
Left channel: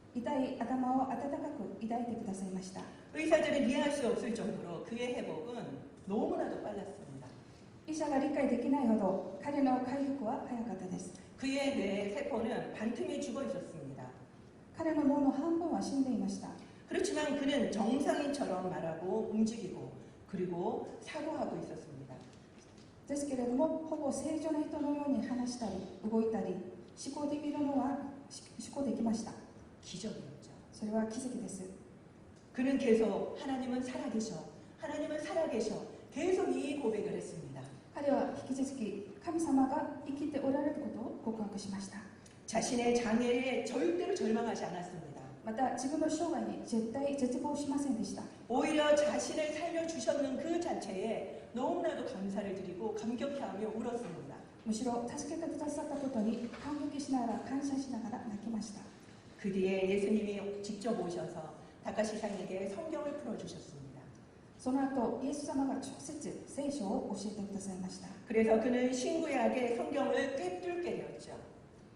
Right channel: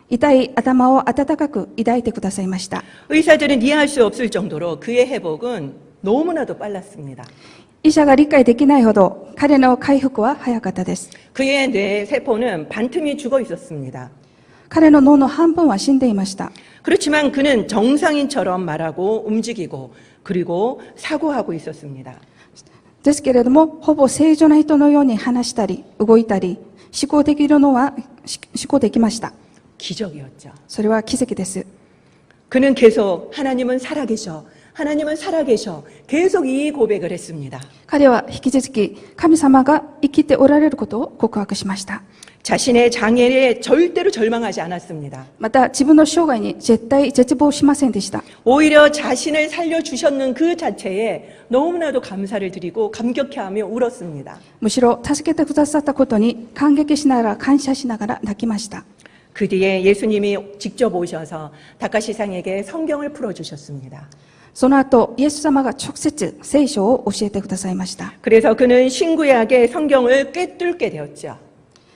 痛い頭を温かく抱いてくださいました。 의사들은 이해할 수 없을 정도로 그의 회복은 너무나도 빨랐습니다. 医者が理解できないほど彼の回復は早かったです。 그의 뇌 세포는 반틈이 죽어 있었습니다. 彼の脳の半分は死んでいました。 그렇지만 그는 정상인처럼 말하고 움직이고 그리고 사고하고 있었습니다. ですけれどもほぼ正常な人のように話したり動いたり思考できました。 기적이었죠. それは奇跡です。 그는 계속 하나님은 살아계셔. 하나님은 살아계셔. 계속 이 고백을 했습니다. 彼は引き続き神様が生きておられることを告白しました。 자신의 장애에 절대로 절망하지 않았습니다. また自分の生涯に絶対絶望しませんでした。 오히려 자신을 살려주셨는 그 자체에 너무나도 감사를 드리고 감격해하며 울었습니다. むしろ助けてくださったことに感激しながら感謝しながら泣きました。그 뒤에 예수님이 직접 오셔서 다카시상에게 성경을 풀어주셨습니다. その後、イエス様が直接聖書を教えてくださいました。 그래서 그는 신구약의 성경을 꿰뚫게 되었죠.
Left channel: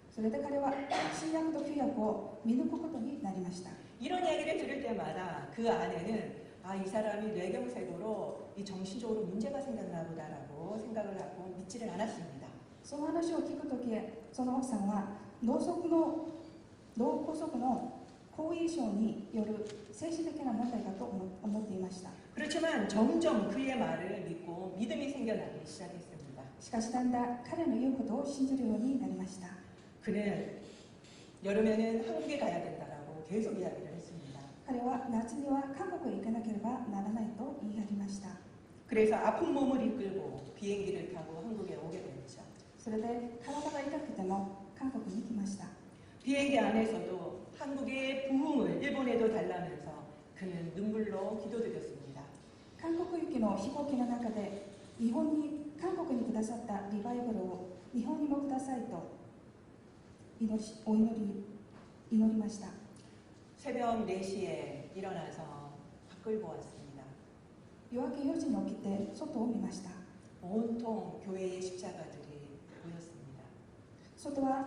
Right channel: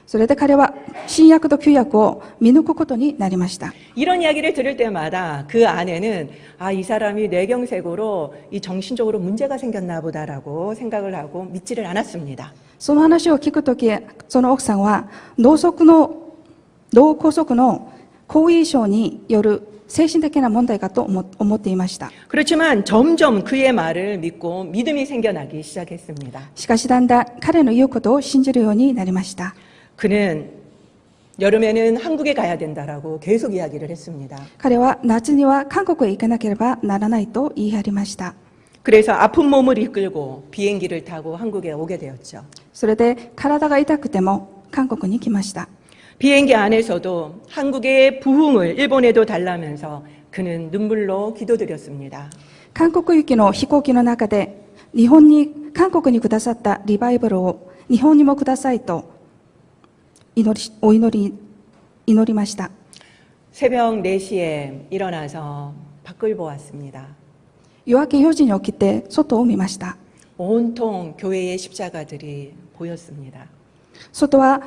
それで彼は新約と旧約を見抜くことになりました。 이런 이야기를 들을 때마다 그 안에는 이 사람이 뇌경색으로 이 정신적으로 문제가 생겼나 보다라고 생각을 하고 믿지를 않았습니다. その話を聞くとき、その奥さんは脳梗塞の後遺症による精神的な問題かと思っていました。 그렇지만 점점 그의 말을 믿고 믿음이 생겨나기 시작했습니다. しかしだんだん彼の言うことを信じるようになりました。 그는 여름에는 한국에 가야 된다라고 계속 이야기를 했습니다. 彼は夏には韓国へ行かなければならないと言い張りました。 그래서 아픈 몸을 이끌고 비행기를 타고 한국에 오게 되었죠. それで体が痛くても韓国に来ました。 비행기 안에서도 한국의 부흥을 일본에도 달라면서 그는 눈물로 기도드렸습니다. 韓国行きの飛行機の中で韓国にくださったリバイバルを日本にもくださいと祈りました。 새벽 4시에 일어나서 밖을 보았습니다. 夜明け4時に起きて外を見ました。 온통 교회의 십자가들이 보였습니다. 外は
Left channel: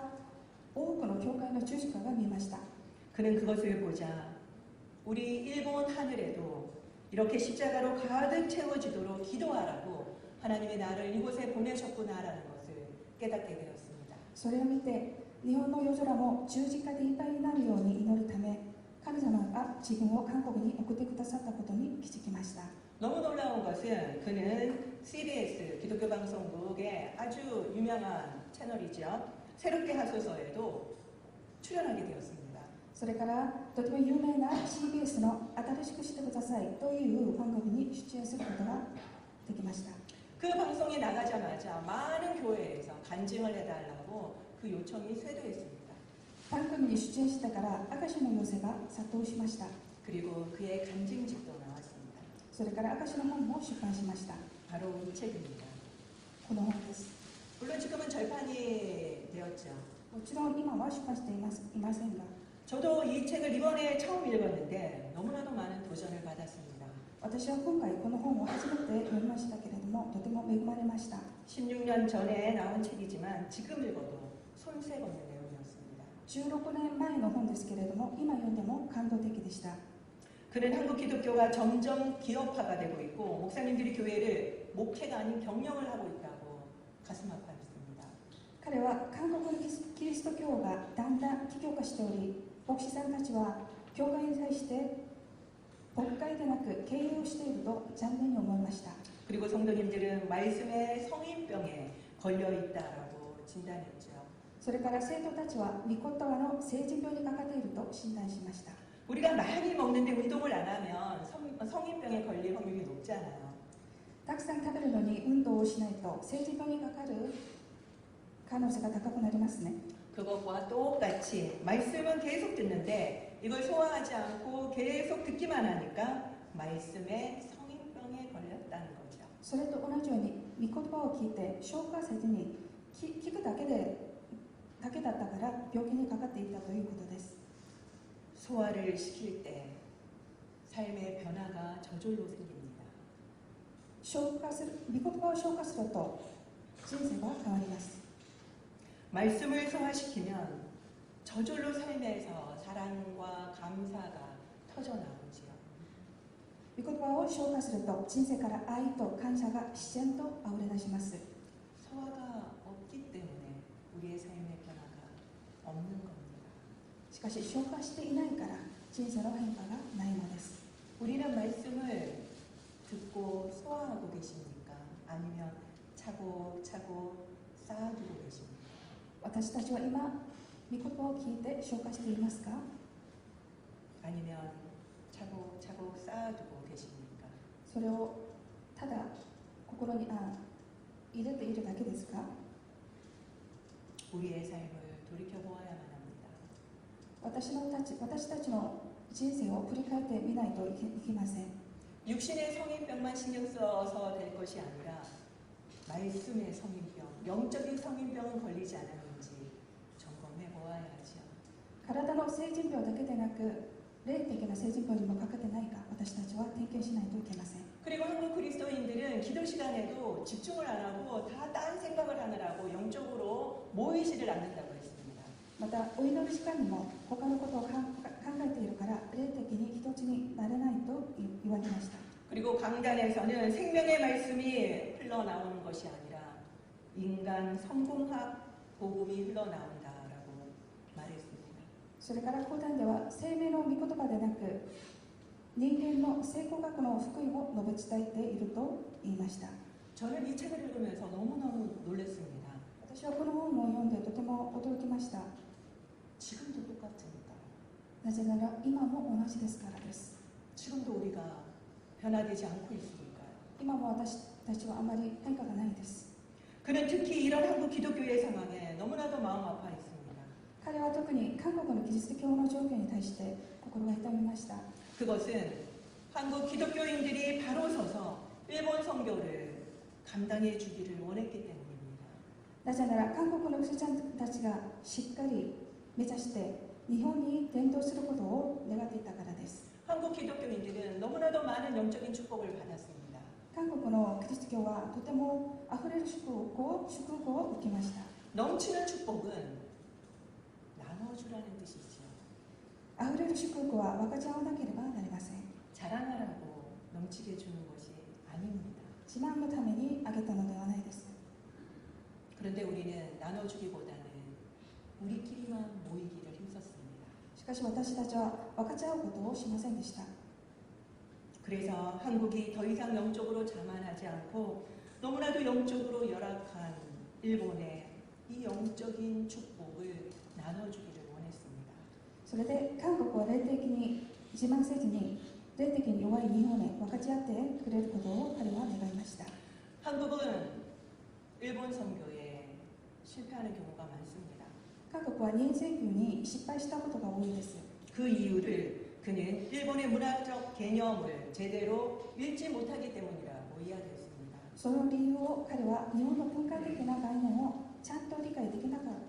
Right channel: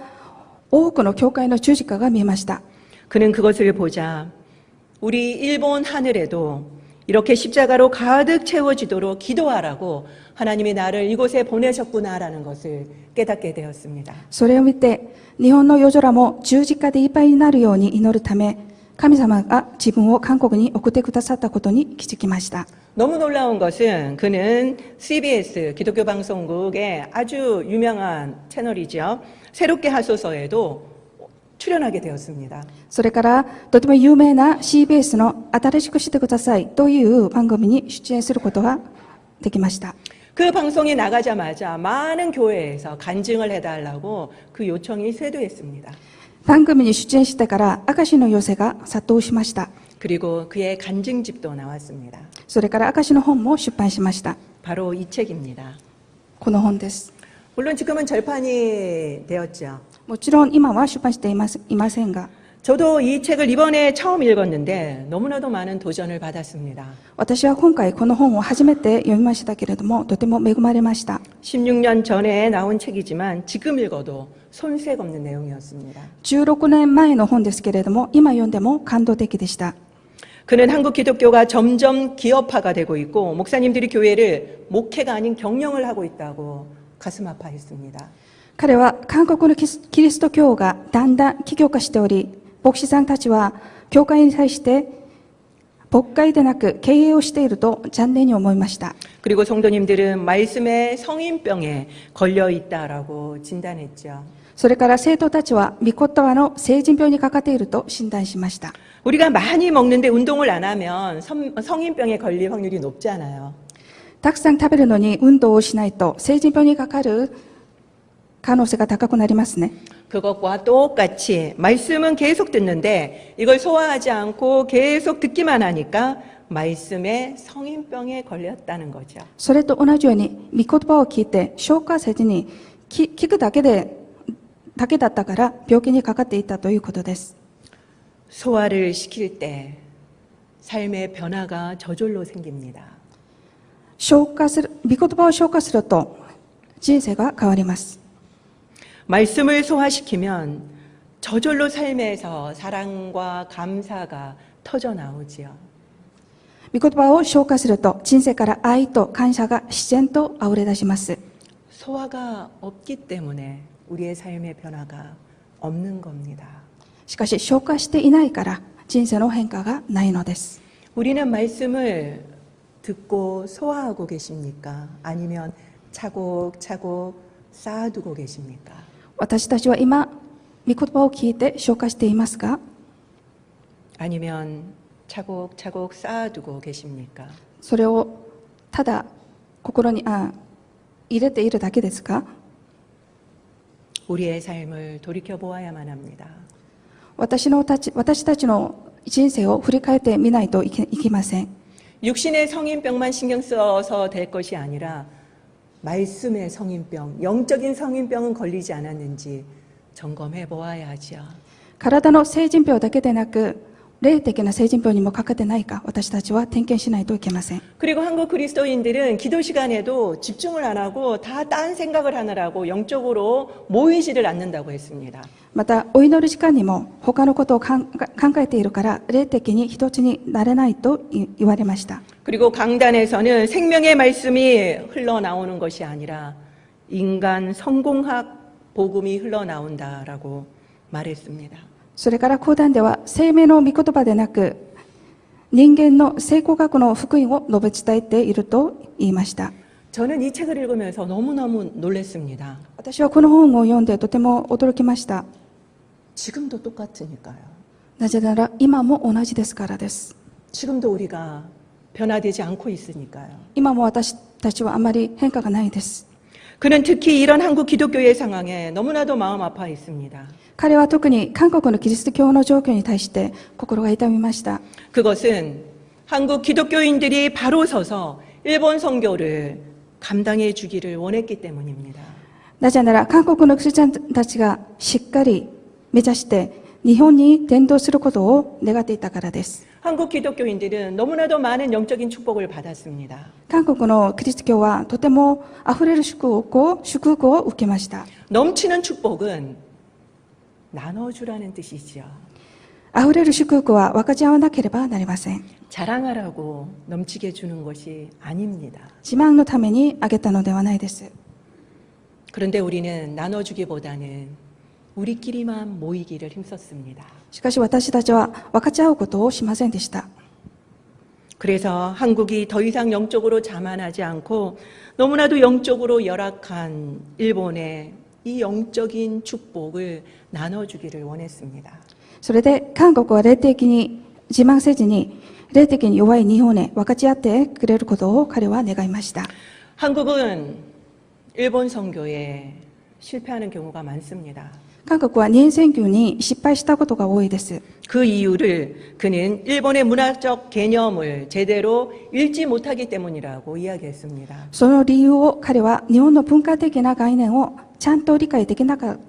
多くの教会の十字架が見えました。 그는 그것을 보자 우리 일본 하늘에도 이렇게 십자가로 가득 채워지도록 기도하라고 하나님이 나를 이곳에 보내셨구나라는 것을 깨닫게 되었습니다. それを見て日本の夜空も十字架でいっぱいになるように祈るため、神様が自分を韓国に送ってくださったことに気づきました。 너무 놀라운 것은 그는 CBS 기독교 방송국의 아주 유명한 채널이죠. 새롭게 하소서에도 출연하게 되었습니다. それからとても有名な CBS の新しくしてくださいという番組に出演することができました。 그 방송이 나가자마자 많은 교회에서 간증을 해달라고 그 요청이 쇄도했습니다. 番組に出演してから証の要請が殺到しました。 그리고 그의 간증집도 나왔습니다. それから証の本も出版しました。 바로 이 책입니다. この本です。 물론 지금은 절판이 되었죠. もちろん今は出版していませんが、 저도 이 책을 이번에 처음 읽었는데 너무나도 많은 도전을 받았습니다. 私は今回この本を初めて読みましたけれども、とても恵まれました。 16년 전에 나온 책이지만 지금 읽어도 손색 없는 내용이었습니다. 16年前の本ですけれども、今読んでも感動的でした。 그는 한국 기독교가 점점 기업화가 되고 있고 목사님들이 교회를 목회가 아닌 경영을 하고 있다고 가슴 아파했습니다. 彼は韓国のキリスト教がだんだん企業化しており、牧師さんたちは教会に対して牧会でなく経営をしていると残念に思いました。 그리고 성도님들은 말씀의 성인병에 걸려 있다라고 진단했죠. それから生徒たちは御言葉の成人病にかかっていると診断しました。 우리가 많이 먹는데 운동을 안 하면 성인병에 걸릴 확률이 높잖아요. たくさん食べるのに運動をしないと成人病にかかる可能性が高くなりますね。 그것과 똑같이 말씀은 계속 듣는데 이걸 소화하지 않고 계속 듣기만 하니까 말씀에 성인병에 걸렸다는 거죠. それと同じように御言葉を聞いて消化せずに聞くだけだったから病気にかかっていたということです。 소화를 시킬 때 삶의 변화가 저절로 생깁니다. 御言葉を消化すると人生が変わります。 말씀을 소화시키면 저절로 삶에서 사랑과 감사가 터져 나오지요. 御言葉を消化すると人生から愛と感謝が自然とあふれ出します。 소화가 없기 때문에 우리의 삶의 변화가 없는 겁니다. しかし消化していないから人生の変化がないのです。 우리는 말씀을 듣고 소화하고 계십니까? 아니면 차곡차곡 쌓아두고 계십니까? 私たちは今御言葉を聞いて消化していますか？ 아니면 차곡차곡 쌓아두고 계십니까? それをただ心に入れているだけですか？ 우리의 삶을 돌이켜 보아야만 합니다. 私たちの人生を振り返ってみないといけません。 육신의 성인병만 신경 써서 될 것이 아니라 말씀의 성인병, 영적인 성인병은 걸리지 않았는지 점검해 보아야 하죠. 体の成人病だけでなく、霊的な成人病にもかかってないか、私たちは点検しないといけません。 그리고 한국 그리스도인들은 기도 시간에도 집중을 안 하고 다 딴 생각을 하느라고 영적으로 모이지를 않는다고 했습니다. また、お祈り時間にも他のことを考えているから、霊的に一つになれないと言われました。 그리고 강단에서는 생명의 말씀이 흘러나오는 것이 아니라 인간 성공학 복음이 흘러나온다라고 말했습니다. それから講談では、生命の御言葉でなく、人間の成功学の福音を述べ伝えていると言いました。 저는 이 책을 읽으면서 너무너무 놀랐습니다. 私はこの本を読んでとても驚きました。 지금도 똑같으니까요. なぜなら今も同じですからです。 지금도 우리가 변화되지 않고 있으니까요. 今も私たちはあまり変化がないです。 그는 특히 이런 한국 기독교의 상황에 너무나도 마음 아파 있습니다. 彼は特に韓国のキリスト教の状況に対して心が痛みました。 그것은 한국 기독교인들이 바로 서서 일본 선교를 감당해 주기를 원했기 때문입니다. なぜなら韓国のクリスチャンたちがしっかり目指して日本に伝道することを願っていたからです。 한국 기독교인들은 너무나도 많은 영적인 축복을 받았습니다. 韓国のキリスト教はとてもあふれる祝福を受けました。 넘치는 축복은 나눠주라는 뜻이지요. あふれる祝福は分かち合わなければなりません。 자랑하라고 넘치게 주는 것이 아닙니다. 自慢のためにあげたのではないです。 그런데 우리는 나눠주기보다는 우리끼리만 모이기를 힘썼습니다. しかし私たちは分かち合うことをしませんでした。 그래서 한국이 더 이상 영적으로 자만하지 않고 너무나도 영적으로 열악한 일본에 이 영적인 축복을 나눠주기를 원했습니다. それで韓国は霊的に自慢せずに霊的に弱い日本へ分かち合ってくれることを彼は願いました。 한국은 일본 선교에 실패하는 경우가 많습니다. 韓国は日本選挙に失敗したことが多いです。 그 이유를 그는 일본의 문화적 개념을 제대로 읽지 못하기 때문이라고 이야기했습니다. その理由を彼は日本の文化的な概念をちゃんと理解できなかっ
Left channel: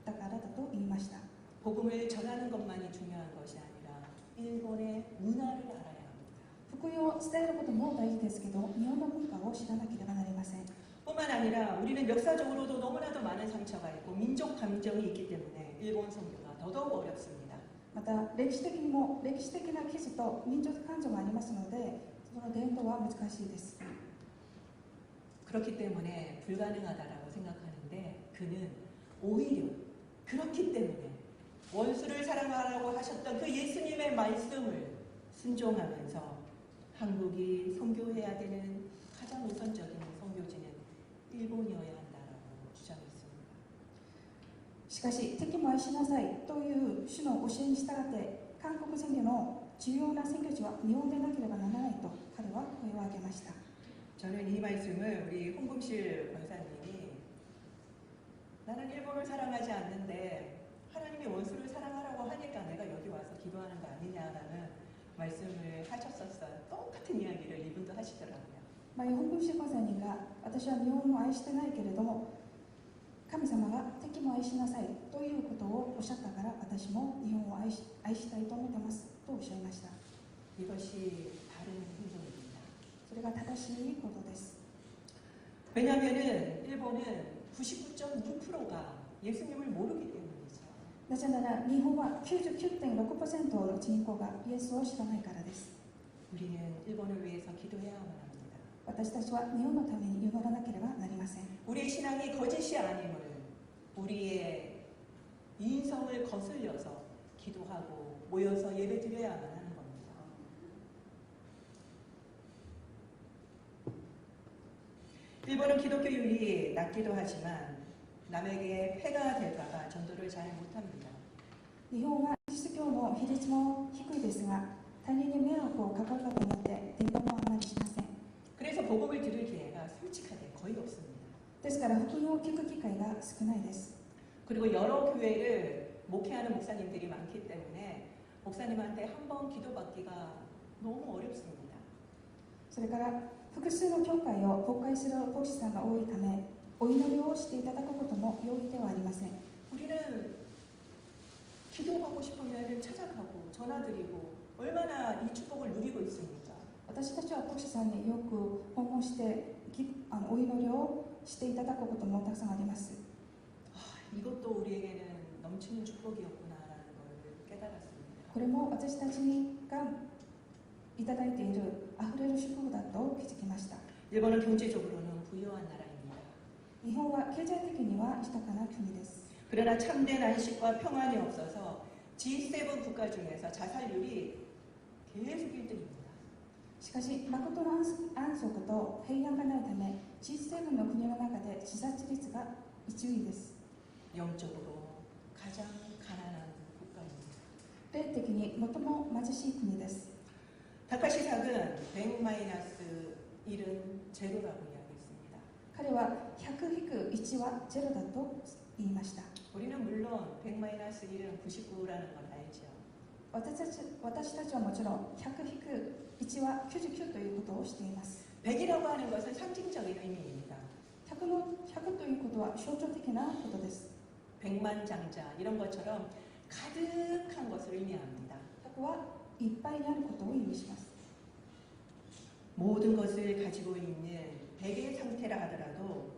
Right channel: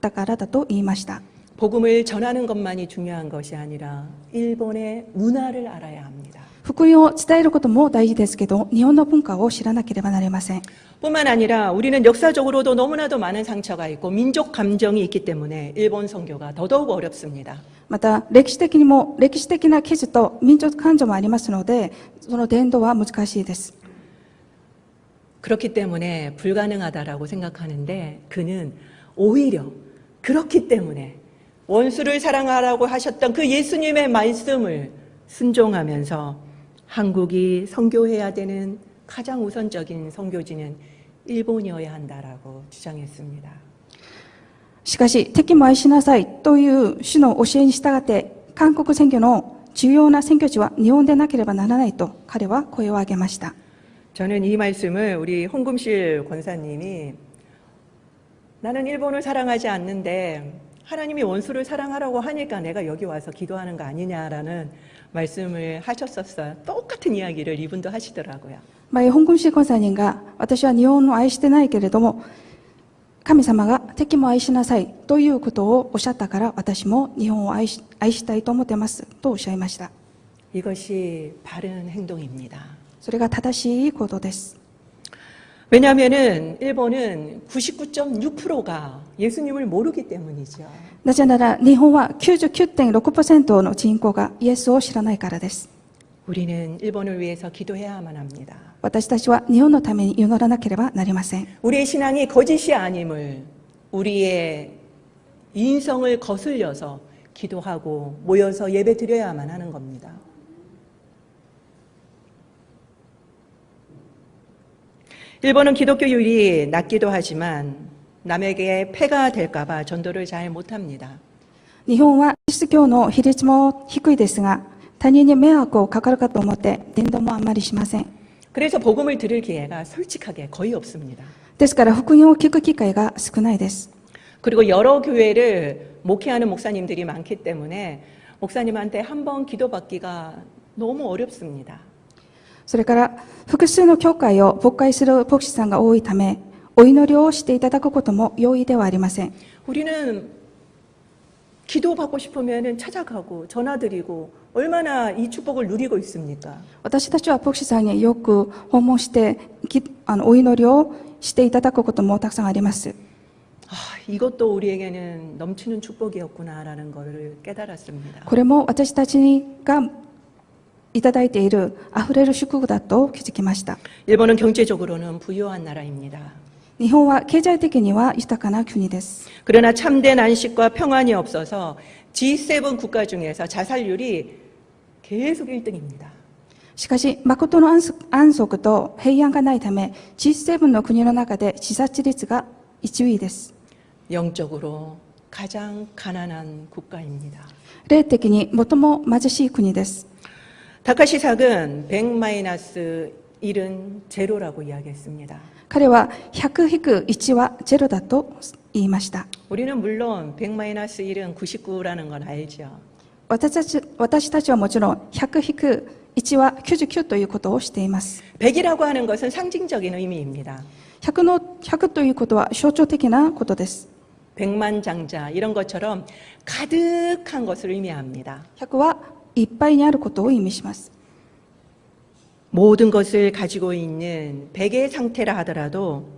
たからだと言いました。 복음을 전하는 것만이 중요한 것이 아니라 일본의 문화를 알아야 합니다. 福音を伝えることも大事ですけど、日本の文化を知らなければなりません。 뿐만 아니라 우리는 역사적으로도 너무나도 많은 상처가 있고 민족 감정이 있기 때문에 일본 선교가 더더욱 어렵습니다. また歴史的にも歴史的な傷と民族感情もありますので、その伝道は難しいです。 그렇기 때문에 불가능하다라고 생각하는데 그는 오히려 그렇기 때문에 원수를 사랑하라고 하셨던 그 예수님의 말씀을 순종하면서 한국이 선교해야 되는 가장 우선적인 선교지는 일본이어야 한다라고 주장했습니다. しかし敵も愛しなさいという主の教えに従って韓国選挙の重要な選挙地は日本でなければならないと彼は声を上げました。 저는 이 말씀을 우리 홍금실 권사님이 나는 일본을 사랑하지 않는데 하나님이 원수를 사랑하라고 하니까 내가 여기 와서 기도하는 거 아니냐라는 말씀을 하셨었어요. 똑같은 이야기를 이분도 하시더라고요. 香港市根菜人が私は日本を愛してないけれども神様が敵も愛しなさいということをおっしゃったから私も日本を愛したいと思ってますとおっしゃいました。 이것이 바른 행동입니다. それが正しいことです。 왜냐하면은 일본은 99.6%가 예수님을 모르기 때문이죠. なぜなら日本は 99.6% の人口がイエスを知らないからです。 우리는 일본을 위해서 기도해야만 합니다. 私たちは日本のために祈らなければなりません。 우리의 신앙이 거짓이 아님을 우리의 인성을 거슬려서 기도하고 모여서 예배 드려야만 하는 겁니다. 일본은 기독교율이 낮기도 하지만 남에게 폐가 될까봐 전도를 잘 못합니다. 日本はキリスト教の比率も低いですが他人に迷惑をかかるかと思って伝道もあんまりしません。 그래서 복음을 들을 기회가 솔직하게 거의 없습니다. ですから福音を聞く機会が少ないです。 그리고 여러 교회를 목회하는 목사님들이 많기 때문에 목사님한테 한번 기도받기가 너무 어렵습니다. それから複数の教会を牧会する牧師さんが多いためお祈りをしていただくことも容易ではありません。 우리는 기도받고 싶으면 찾아가고 전화드리고 얼마나 이 축복을 누리고 있습니까? 私たちは牧師さんによく訪問してお祈りをしていただくこともたくさんあります。 이것도 우리에게는 넘치는 축복이었구나라는 것을 깨달았습니다. これも私たちがいただいているあふれる祝福だと気づきました。 일본은 경제적으로는 부유한 나라입니다. 日本は経済的には豊かな国です。 그러나 참된 안식과 평안이 없어서 G7 국가 중에서 자살률이 계속 1등입니다. しかし、誠の安息と平安がないため、G7 の国の中で自殺率が1位です。 영적으로 가장 가난한 국가입니다. 霊的に最も貧しい国です。 다카시삭은 100-1은 제로라고 이야기했습니다. 彼は100-1はゼロだと言いました。 우리는 물론 100-1은 99라는 건 알죠. 私たちはもちろん100-1は99ということをしています。 100이라고 하는 것은 상징적인 의미입니다. 100ということは象徴的なことです。 백만장자 이런 것처럼 가득한 것을 의미합니다. 100はいっぱいにあることを意味します。 모든 것을 가지고 있는 100의 상태라 하더라도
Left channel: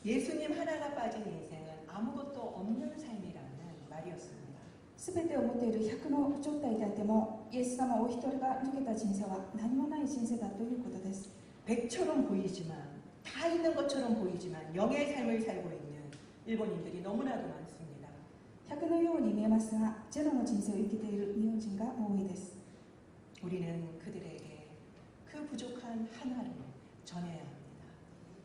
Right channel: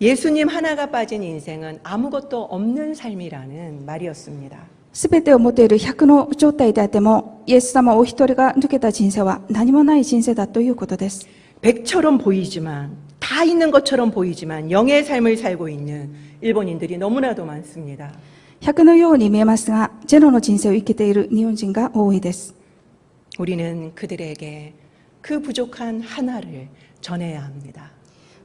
예수님 하나가 빠진 인생은 아무것도 없는 삶이라는 말이었습니다. すべてを持っている100の状態であっても、イエス様お一人が抜けた人生は何もない人生だということです。 100처럼 보이지만 다 있는 것처럼 보이지만 영의 삶을 살고 있는 일본인들이 너무나도 많습니다. 100のように見えますが、ゼロの人生を生きている日本人が多いです。 우리는 그들에게 그 부족한 하나를 전해야 합니다.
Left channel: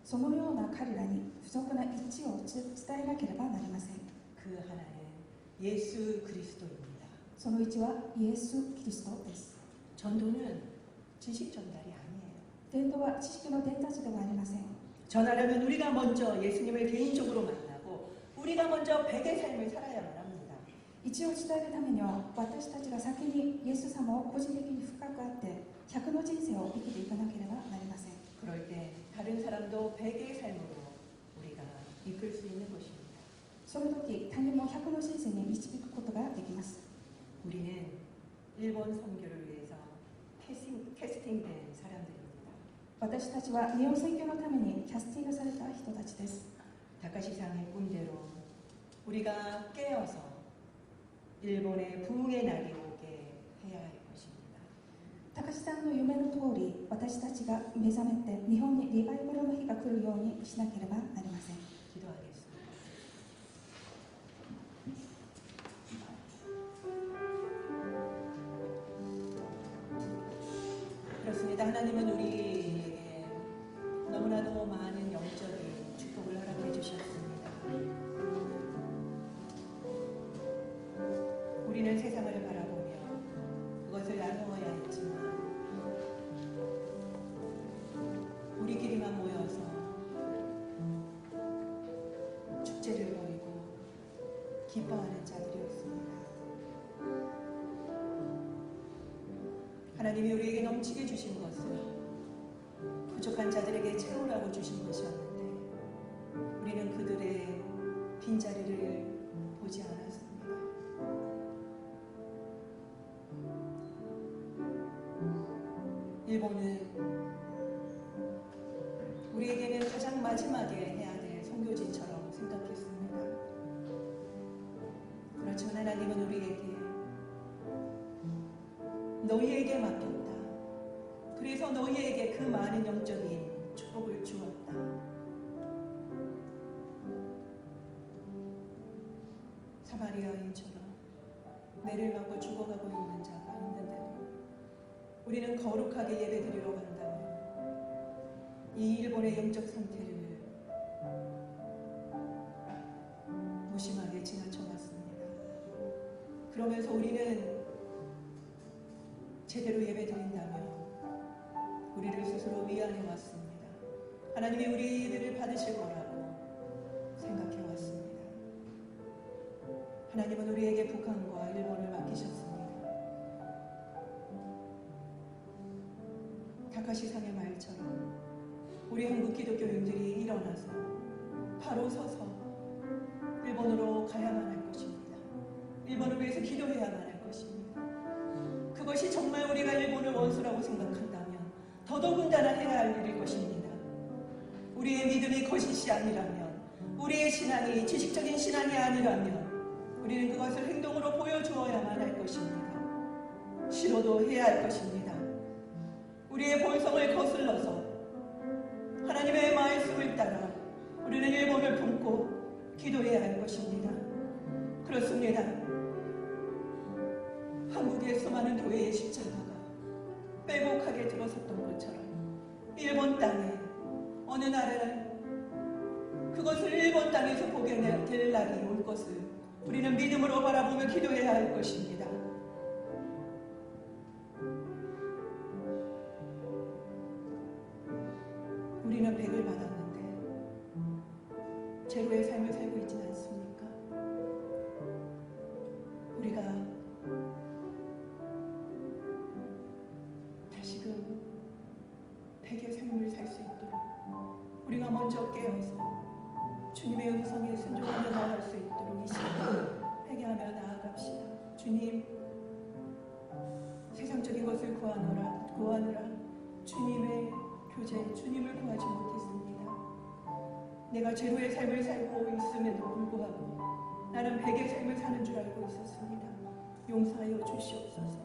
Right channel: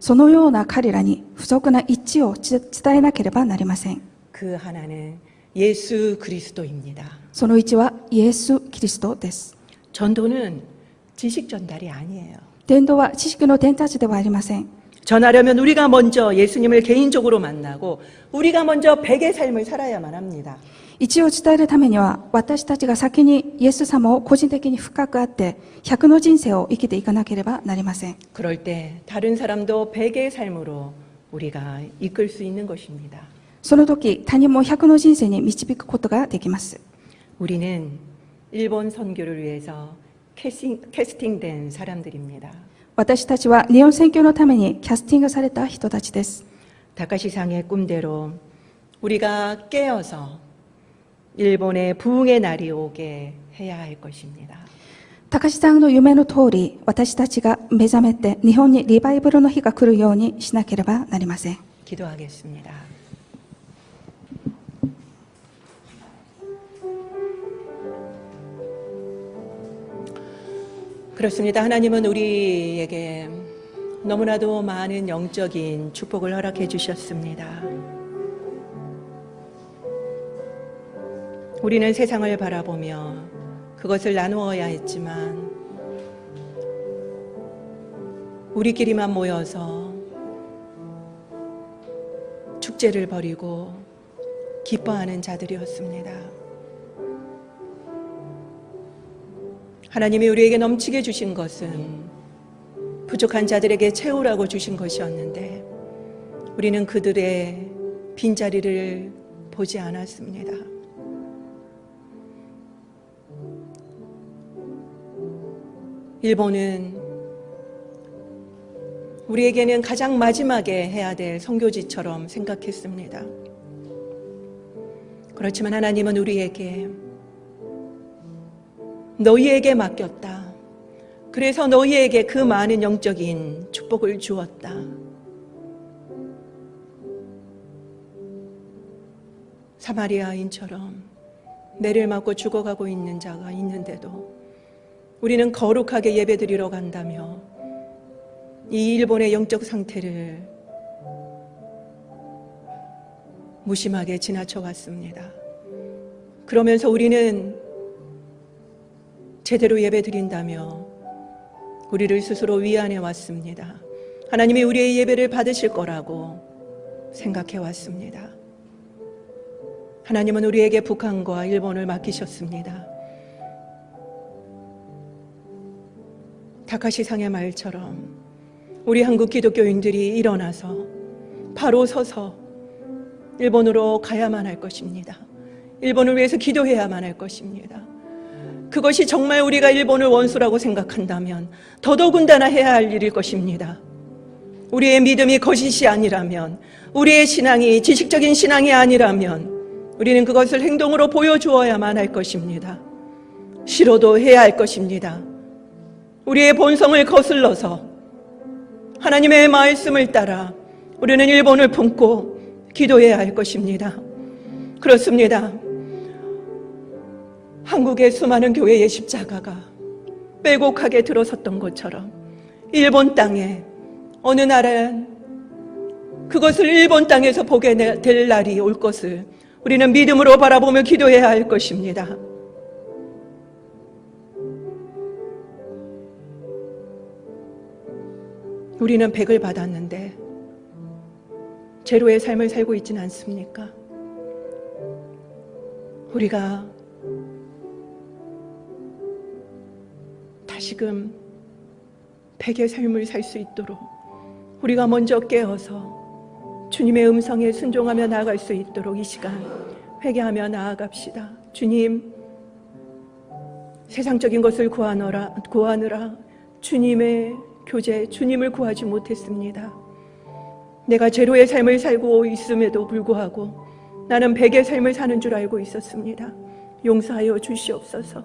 そのような彼らに不足な一致を伝えなければなりません。 그 하나는 예수 그리스도입니다. その一はイエス・キリストです。 전도는 지식 전달이 아니에요. 伝道は知識の伝達ではありません。 전하려면 우리가 먼저 예수님을 개인적으로 만나고 우리가 먼저 100의 삶을 살아야만 합니다. 一を伝えるためには、私たちが先にイエス様を個人的に深く会って100の人生を生きていかなければなりません。 그럴 때 다른 사람도 100의 삶으로 우리가 이끌 수 있는 것입니다. その時、他人も100の人生に導くことができます。 우리는 일본 선교를 위해서 캐스팅된 사람들입니다. 私たちは日本宣教のためにキャスティングされた人たちです。 다카시상의 꿈대로 우리가 깨어서 일본의 부흥의 날이 오게 해야 할 것입니다. 高志さんの夢の通り、私たちが目覚めて日本にリバイバルの日が来るようにしなければなりません。 기도하겠습니다. 그렇습니다. 하나님은 우리에게 너무나도 많은 영적인 축복을 허락해 주셨습니다. 우리는 세상을 바라보며 그것을 나누어야 했지만 우리끼리만 모여서 축제를 벌이고 기뻐하는 자들이었습니다. 하나님이 우리에게 넘치게 주신 것은 부족한 자들에게 채우라고 주신 것이었는데 우리는 그들의 빈자리를 보지 않았습니다. 일본은 우리에게는 가장 마지막에 해야 될 선교지처럼 생각했습니다. 그렇지만 하나님은 우리에게 너희에게 맡겼다. 그래서 너희에게 그 많은 영적인 축복을 주었다. 사마리아인처럼 매를 맞고 죽어가고 있는 자가 있는데도 우리는 거룩하게 예배드리러 간다며 이 일본의 영적 상태를 무심하게 지나쳐 왔습니다. 그러면서 우리는 제대로 예배드린다며 우리를 스스로 위안해 왔습니다. 하나님이 우리의 예배를 받으실 거라고 생각해 왔습니다. 하나님은 우리에게 북한과 일본을 맡기셨습니다. 다카시상의 말처럼 우리 한국 기독교인들이 일어나서 바로 서서 일본으로 가야만 할 것입니다. 일본을 위해서 기도해야만 할 것입니다. 그것이 정말 우리가 일본을 원수라고 생각한다면 더더군다나 해야 할 일일 것입니다. 우리의 믿음이 거짓이 아니라면, 우리의 신앙이 지식적인 신앙이 아니라면 우리는 그것을 행동으로 보여주어야만 할 것입니다. 싫어도 해야 할 것입니다. 우리의 본성을 거슬러서 하나님의 말씀을 따라 우리는 일본을 품고 기도해야 할 것입니다. 그렇습니다. 한국의 수많은 교회의 십자가가 빼곡하게 들어섰던 것처럼 일본 땅에 어느 날은 그것을 일본 땅에서 보게 될 날이 올 것을 우리는 믿음으로 바라보며 기도해야 할 것입니다. 우리는 100을 받았는데 제로의 삶을 살고 있지는 않습니까? 우리가 다시금 100의 삶을 살 수 있도록 우리가 먼저 깨어서 주님의 음성에 순종하며 나아갈 수 있도록 이 시간 회개하며 나아갑시다. 주님, 세상적인 것을 구하느라 주님의 교제, 주님을 구하지 못했습니다. 내가 제로의 삶을 살고 있음에도 불구하고 나는 100의 삶을 사는 줄 알고 있었습니다. 용서하여 주시옵소서.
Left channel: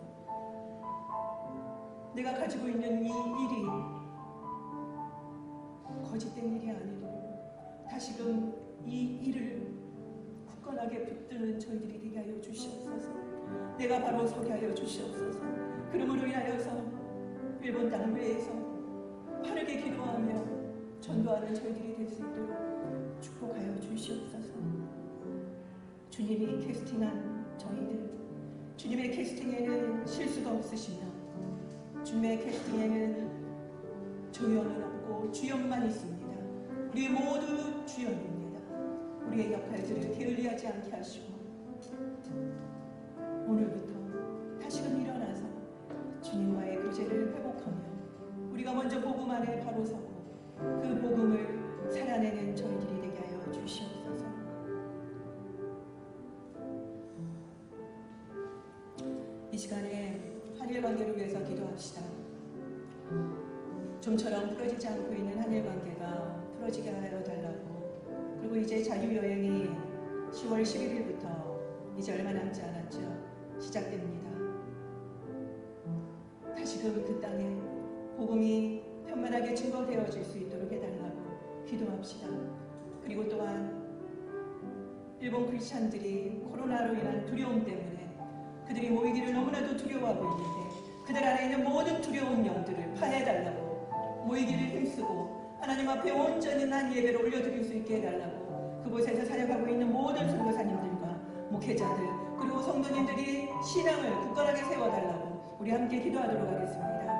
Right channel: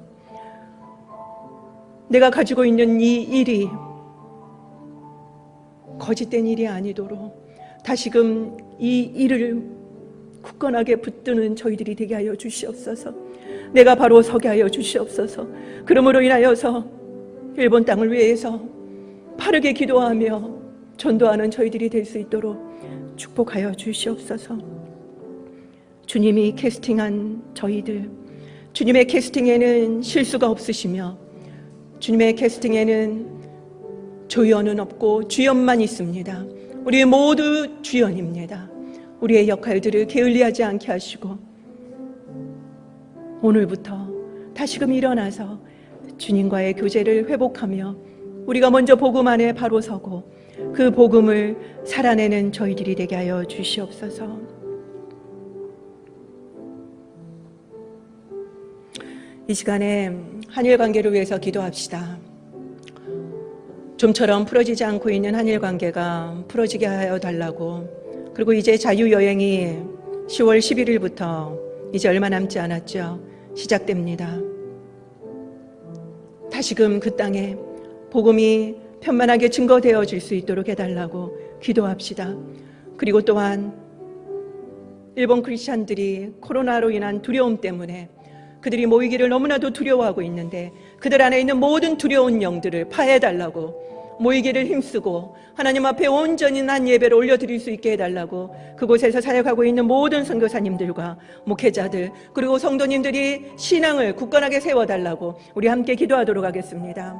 내가 가지고 있는 이 일이 거짓된 일이 아니도록 다시금 이 일을 굳건하게 붙드는 저희들이 되게 하여 주시옵소서. 내가 바로 서게 하여 주시옵소서. 그러므로 인하여서 일본 땅을 위해서 빠르게 기도하며 전도하는 저희들이 될 수 있도록 축복하여 주시옵소서. 주님이 캐스팅한 저희들, 주님의 캐스팅에는 실수가 없으시며 주님의 캐스팅에는 조연은 없고 주연만 있습니다. 우리 모두 주연입니다. 우리의 역할들을 게을리하지 않게 하시고 오늘부터 다시금 일어나서 주님과의 교제를 회복하며 우리가 먼저 복음 안에 바로 서고 그 복음을 살아내는 저희들이 되게 하여 주시옵소서. 이 시간에 한일 관계를 위해서 기도합시다. 좀처럼 풀어지지 않고 있는 한일 관계가 풀어지게 하여 달라고. 그리고 이제 자유여행이 10월 11일부터 이제 얼마 남지 않았죠. 시작됩니다. 다시금 그 땅에 복음이 편만하게 증거되어질 수 있도록 해달라고 기도합시다. 그리고 또한 일본 크리스찬들이 코로나로 인한 두려움 때문에 그들이 모이기를 너무나도 두려워하고 있는데 그들 안에 있는 모든 두려운 영들을 파해달라고, 모이기를 힘쓰고 하나님 앞에 온전히 난 예배를 올려드릴 수 있게 해달라고 그곳에서 사역하고 있는 모든 선교사님들과 목회자들 그리고 성도님들이 신앙을 굳건하게 세워달라고 우리 함께 기도하도록 하겠습니다.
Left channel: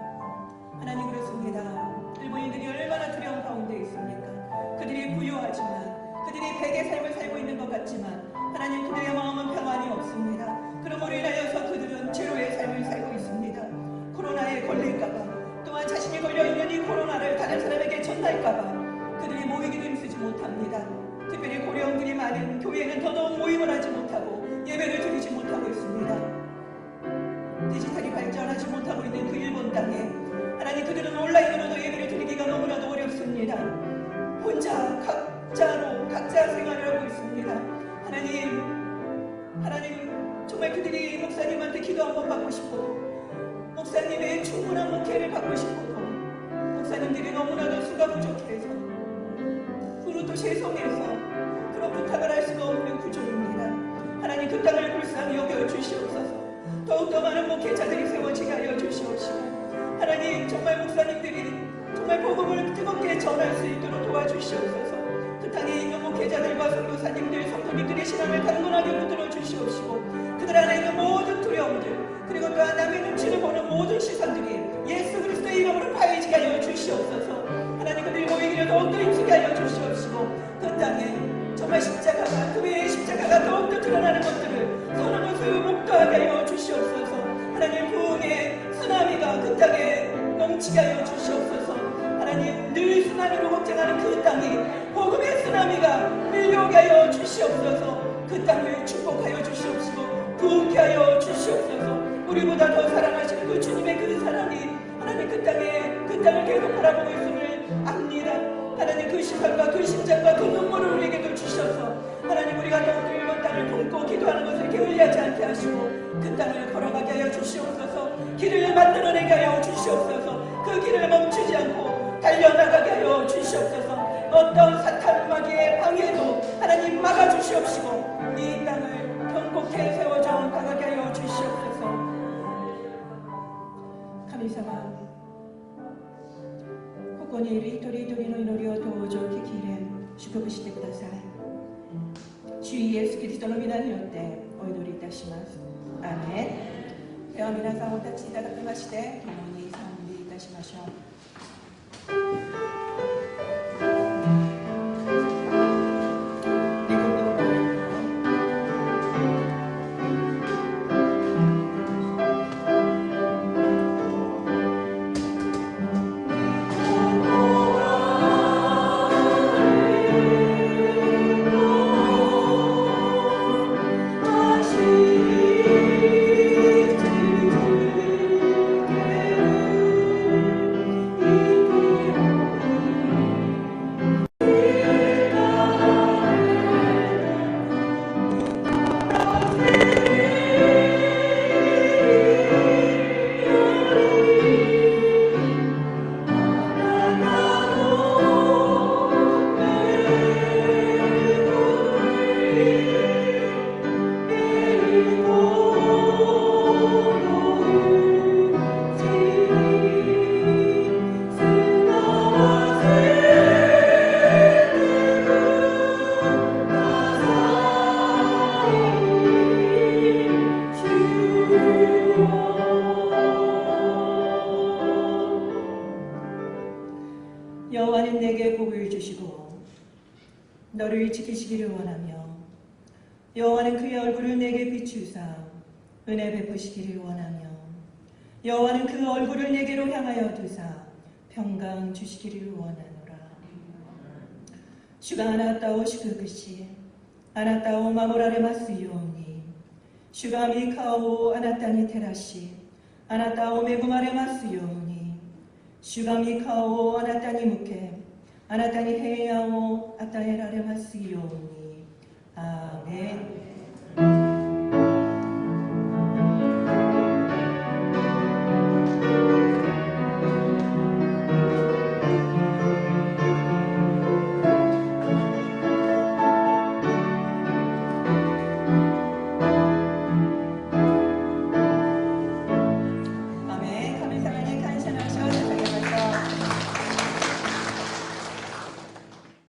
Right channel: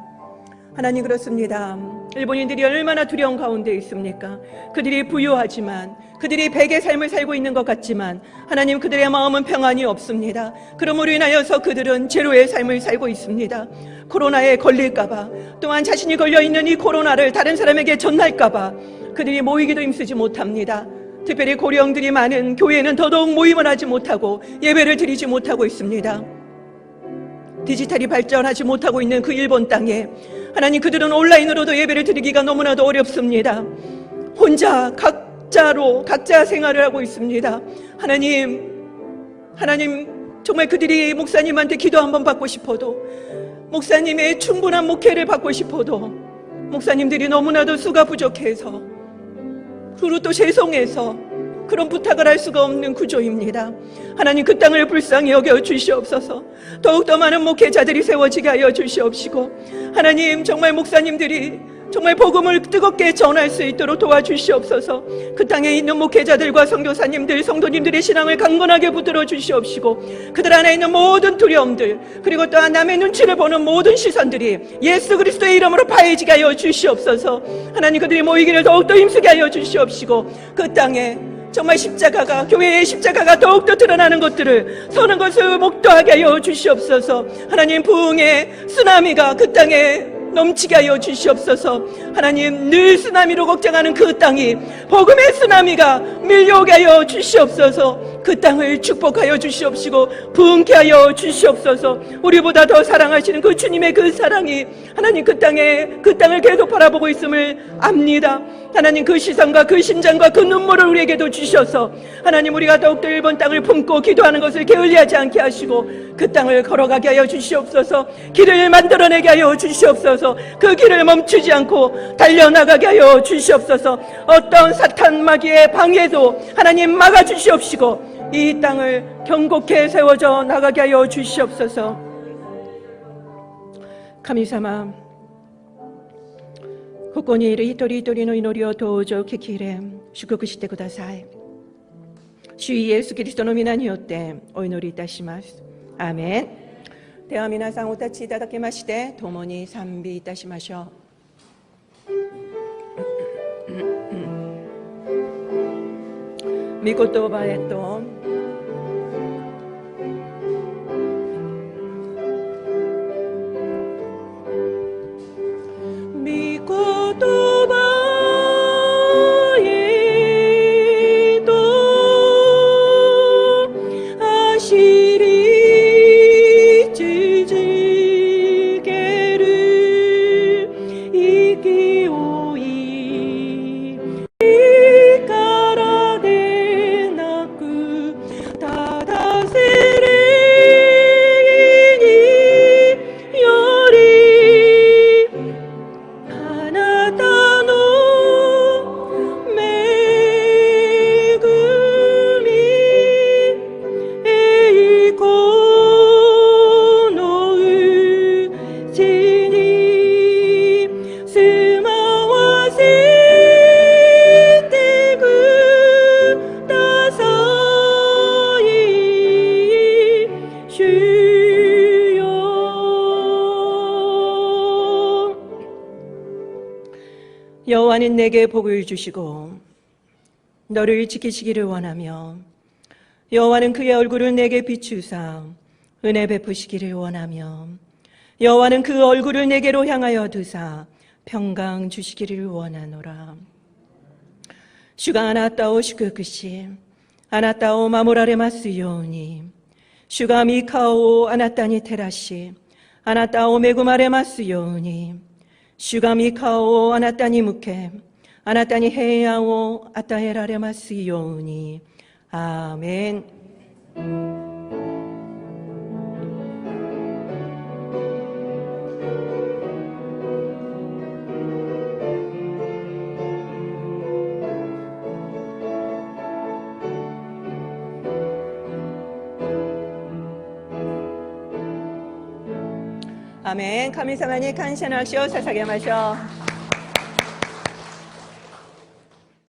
하나님, 그렇습니다. 일본인들이 얼마나 두려운 가운데 있습니까? 그들이 부유하지만, 그들이 100의 삶을 살고 있는 것 같지만 하나님, 그들의 마음은 평안이 없습니다. 그러므로 인하여서 그들은 제로의 삶을 살고 있습니다. 코로나에 걸릴까봐, 또한 자신이 걸려있는 이 코로나를 다른 사람에게 전할까봐 그들이 모이기도 힘쓰지 못합니다. 특별히 고령들이 많은 교회는 더더욱 모임을 하지 못하고 예배를 드리지 못하고 있습니다. 디지털이 발전하지 못하고 있는 그 일본 땅에 하나님, 그들은 온라인으로도 예배를 드리기가 너무나도 어렵습니다. 혼자 각자 생활을 하고 있습니다. 하나님 정말 그들이 목사님한테 기도 한번 받고 싶어도, 목사님의 충분한 목회를 받고 싶어도 목사님들이 너무나도 수가 부족해서, 그리고 또 죄송해서 그런 부탁을 할 수가 없는 구조입니다. 하나님, 그 땅을 불쌍히 여겨 주시옵소서. 더욱더 많은 목회자들이 세워지게 하여 주시옵시고, 하나님, 정말 목사님들이 정말 복음을 뜨겁게 전할 수 있도록 도와주시옵소서. 그 땅에 있는 목회자들과 선교사님들, 성도님들의 신앙을 강건하게 붙들어 주시옵시고, 그들 안에 있는 모든 두려움들, 그리고 또한 남의 눈치를 보는 모든 시선들이 예수 그리스도의 이름으로 파해지게 하여 주시옵소서. 하나님, 그들이 모이기를 더욱더 힘쓰게 하여 주시옵시고, 그 땅에 정말 십자가가, 교회의 십자가가 더욱더 드러나는 것들을 서는 것을 목도하게 하여 주시옵소서. 하나님, 부흥의 쓰나미가 그 땅에 넘치게 하여 주시옵소서. 하나님, 늘 쓰나미로 걱정하는 그 땅이 복음의 쓰나미가 밀려오게 하여 주시옵소서. 그 땅을 축복하여 주시옵시고 부흥케 하여 주시옵소서. 우리보다 더 사랑하시는 그 주님의 그 사랑이 하나님 그 땅을 계속 바라보고 있음을 압니다. 하나님 그 시선과 그 심장과 그 눈물을 우리에게도 주셔서 하나님 우리가 더욱더 일본 땅을 품고 기도하는 것을 게을리하지 않게 하시고 그 땅을 걸어가게 하여 주시옵소서. 길을 만들어내게 하여 주시옵소서. 그 길을 멈추지 않고 달려나가게 하여 주시옵소서. 어떤 사탄 마귀의 방해도 하나님 막아주시옵시고 이 땅을 견고케 세워져 나가게 하여 주시옵소서.神様、ここにいる一人一人の祈りをどうぞ聞き入れ祝福してください。主イエスキリストの皆によってお祈りいたします。アーメン。では皆さんお立ちいただきまして共に賛美いたしましょう。御言葉へと여호와는 내게 복을 주시고 너를 지키시기를 원하며 여호와는 그의 얼굴을 내게 비추사 은혜 베푸시기를 원하며 여호와는 그 얼굴을 내게로 향하여 두사 평강 주시기를 원하노라. 주가あなたを祝福しあなたを守られますように主が御顔をあなたに照らしあなたを恵まれますように主が御顔をあなたに向けあなたに平安を与えられますように。アーメン。アメン。神様に感謝の足を捧げましょう。